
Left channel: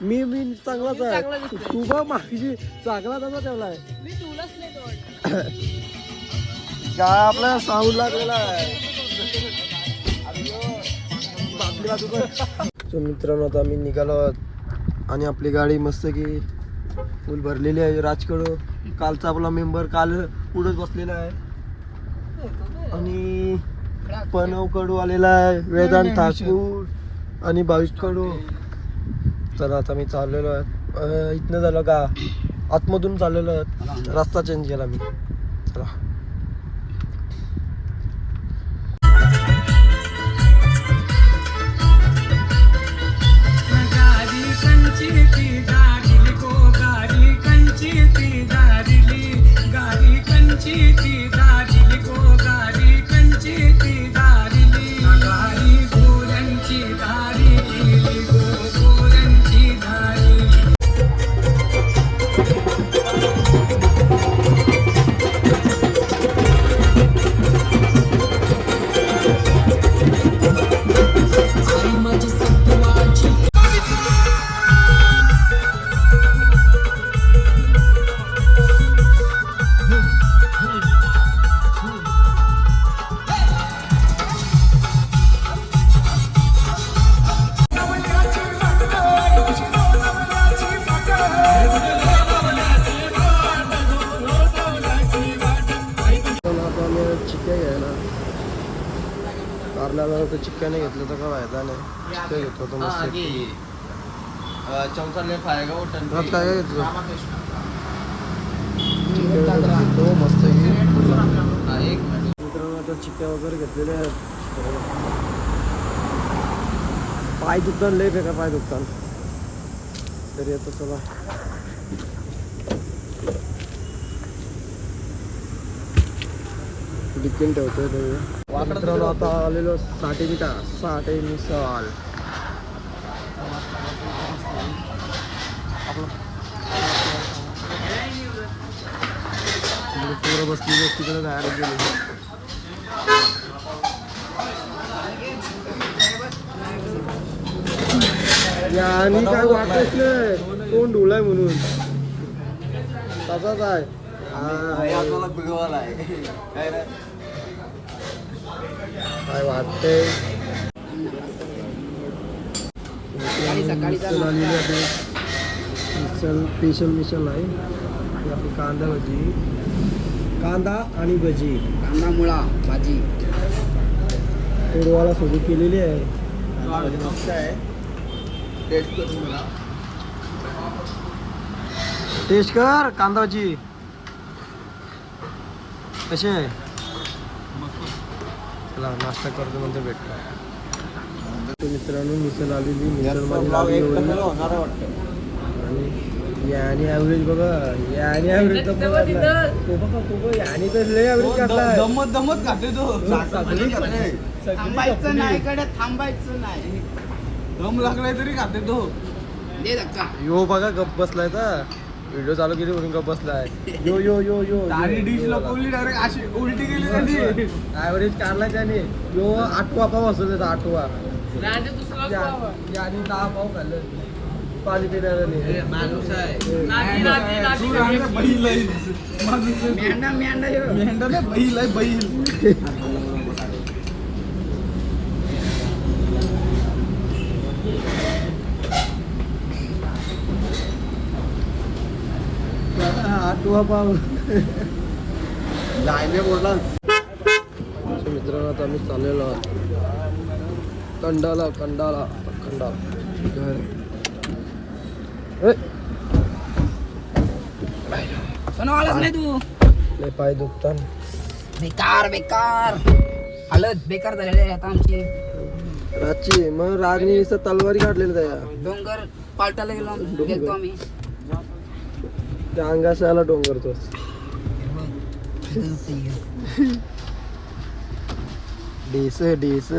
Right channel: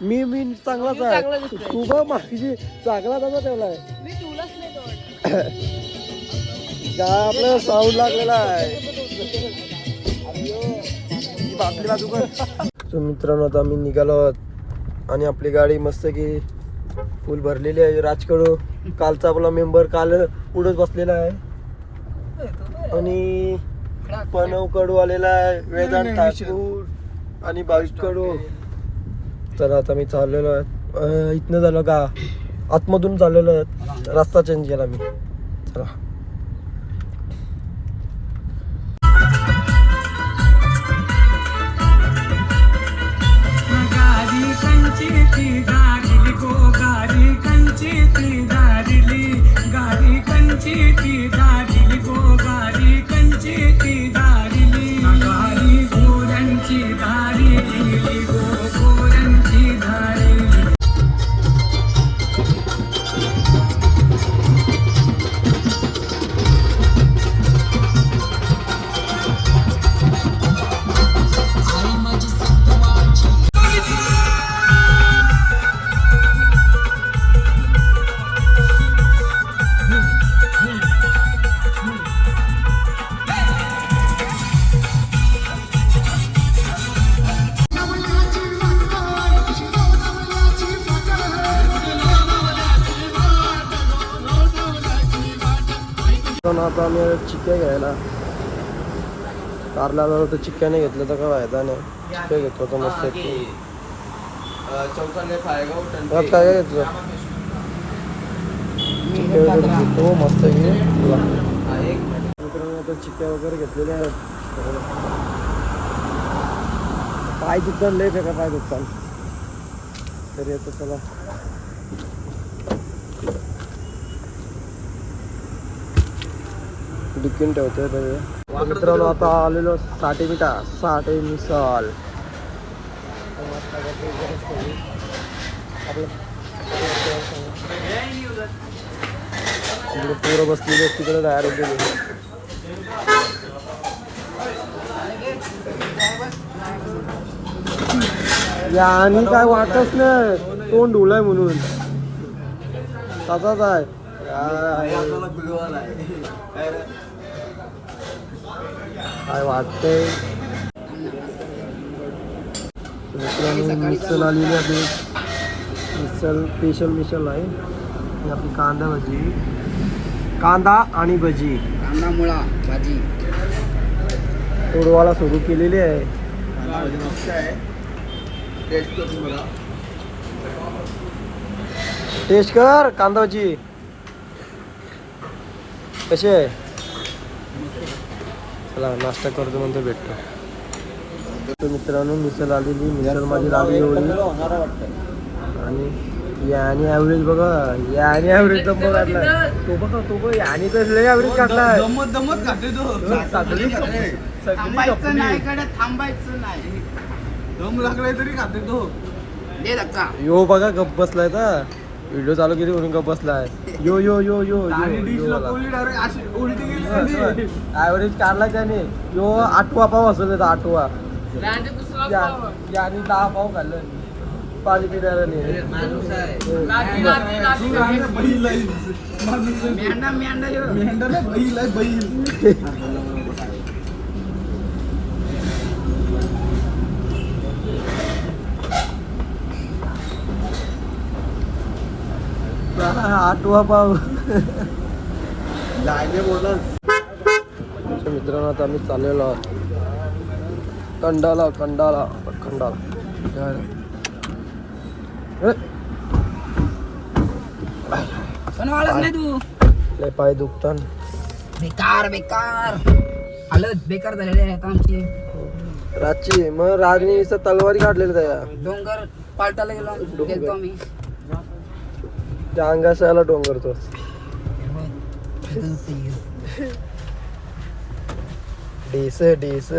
मी चांगलाच आहे तू बघ मागची चांगला तसा ठेवलाय काय आपला साऊंड लागलेला आहे सो मित्रांनो आता आम्ही निघालो आहोत आणि आपली गाडी मस्त की फुल भरलेली आहे राजकडू कालचा आपला मेंबर काल पुढेच बसलेला आहे आणि पनवकडू आलेला आहे वेदांत ठाकूर आणि बावीसकडू तर आता मी चाललेलो आहे इथनं झालं का आतमधून चाललेलो आहे रस्ता चेंज केला मी चला आता आम्ही चिक्क्या घ्यायला कारला जर तर चिक्क्या नाही घेतलं तर काय फायदा नाही चिक्क्या घेतो तर मस्त काय काय घेतलं चिक्क्या घेतो मस्त घे मित्रांनो आता चिक्क्या वगैरे घेतलेल्या आहेत पाय दुखतान लय बेकार पाय दुखतान तरी आता चला डिपेंड ठेवतोय तरी मित्रांनो आता आलेलो 60 मिठा 60 मिसाल आपलं पुरं बसलेली तिकडे तयार होते आणि काय वाटत नाही तोंड ढोलाय म्हणून तसाच आहे काय वाटते मिसल आलेली आहे मिसल मिसल आहे आणि आपली कांदा भजी कांदा आणि भजी कांदा मुळा भाजी तोडवाला सुरू केलेली आहे मस्त आहे टेस्ट करून मला टेस्ट कर कांदा भजी कशी आहे चला नाश्ता करतो नंतर भेटतो मित्रांनो मिसल आलेली मिसल माझी लागली एवढी आणि याने ॲव्हरेज बघा याने ॲव्हरेज तो बघा तो बघ याने तर लय ॲव्हरेज काढलाय दमत घाटे तो सगळी थांबायचं नाही दम लागलाय तरी खाते तो दे धक्का यो बघा गप्प बसलाय ना व्हिडिओ चालू केली म्हणून गप्प बसलाय यो यो यो यो आणि डिश लपवली डायरेक्ट अशी उलटी गेली ॲव्हरेज काढला त्याने यो 8वा पाव असेल त्याचा 8वा आणि 10 पाव खाल्लं पाणी पिण्याला नाही माणूस आहे बैल मेंढा ना बैल आहे बैल आठवा पाव जायने बोला मित्रांनो आता आम्ही चाललेलो आहोत खंडाला खंडाला खंडाला पण वाळत नाही तू लय पाय दुखतात बेकार बेकार हालत बेकार झालेली आहे आता आमची रातची मग राजनी इथं तलवारी काढलेली त्या डोंगर पालटाला गेलो आम्ही त्या अंगाशाला डोंगर तो डेस डेस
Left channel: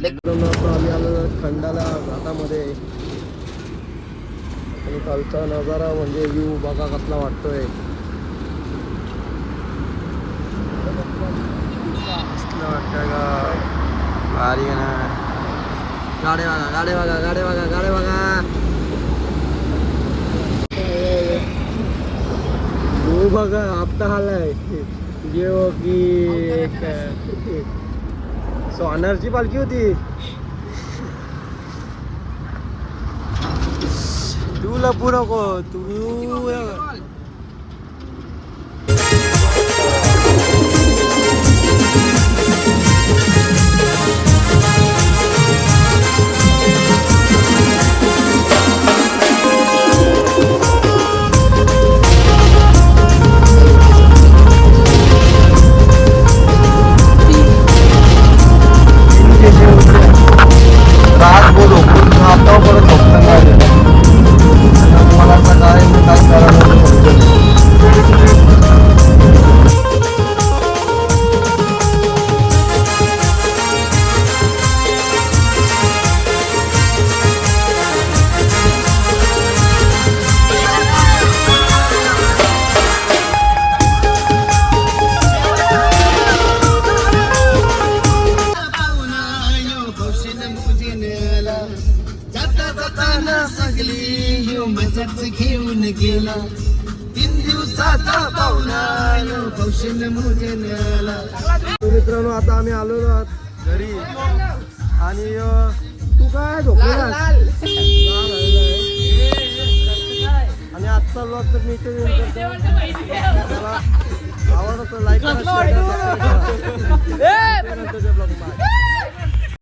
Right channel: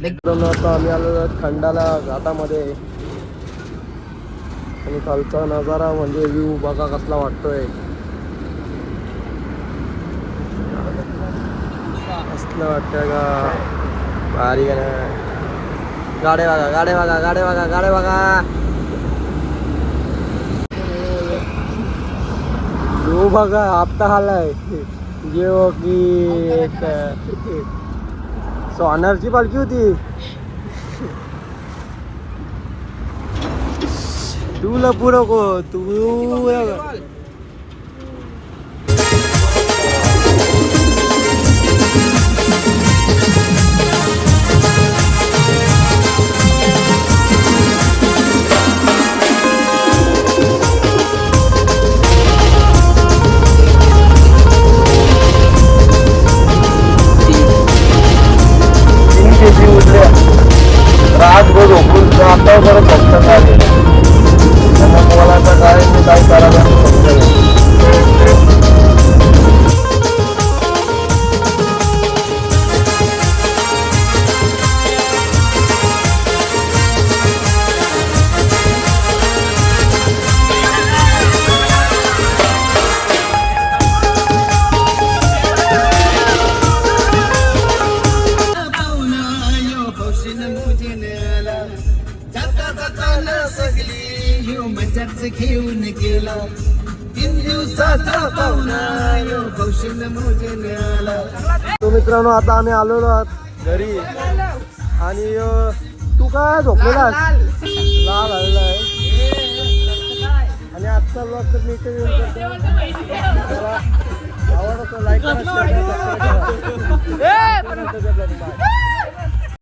मित्रांनो आता आम्ही आलो खंडाला घाटामध्ये आणि खालचा नजारा म्हणजे व्ह्यू बघा कसला वाटतोय कसला वाटतोय का भारी का ना गाडे बघा गाडे बघा गाडे बघा गाडे बघा यो बघा हप्ता आलाय यो की एक सोनारची पालखी होती तुला पुरं को तू तो मित्रांनो आता आम्ही आलेलो आहोत घरी आणि तू काय झोपलेला लाल आलेला आहे आणि आजचा ब्लॉग तर मी इथे मला आवडतो लाईक करा शेअर करा सबस्क्राईब करा नंतरच्या ब्लॉग बाय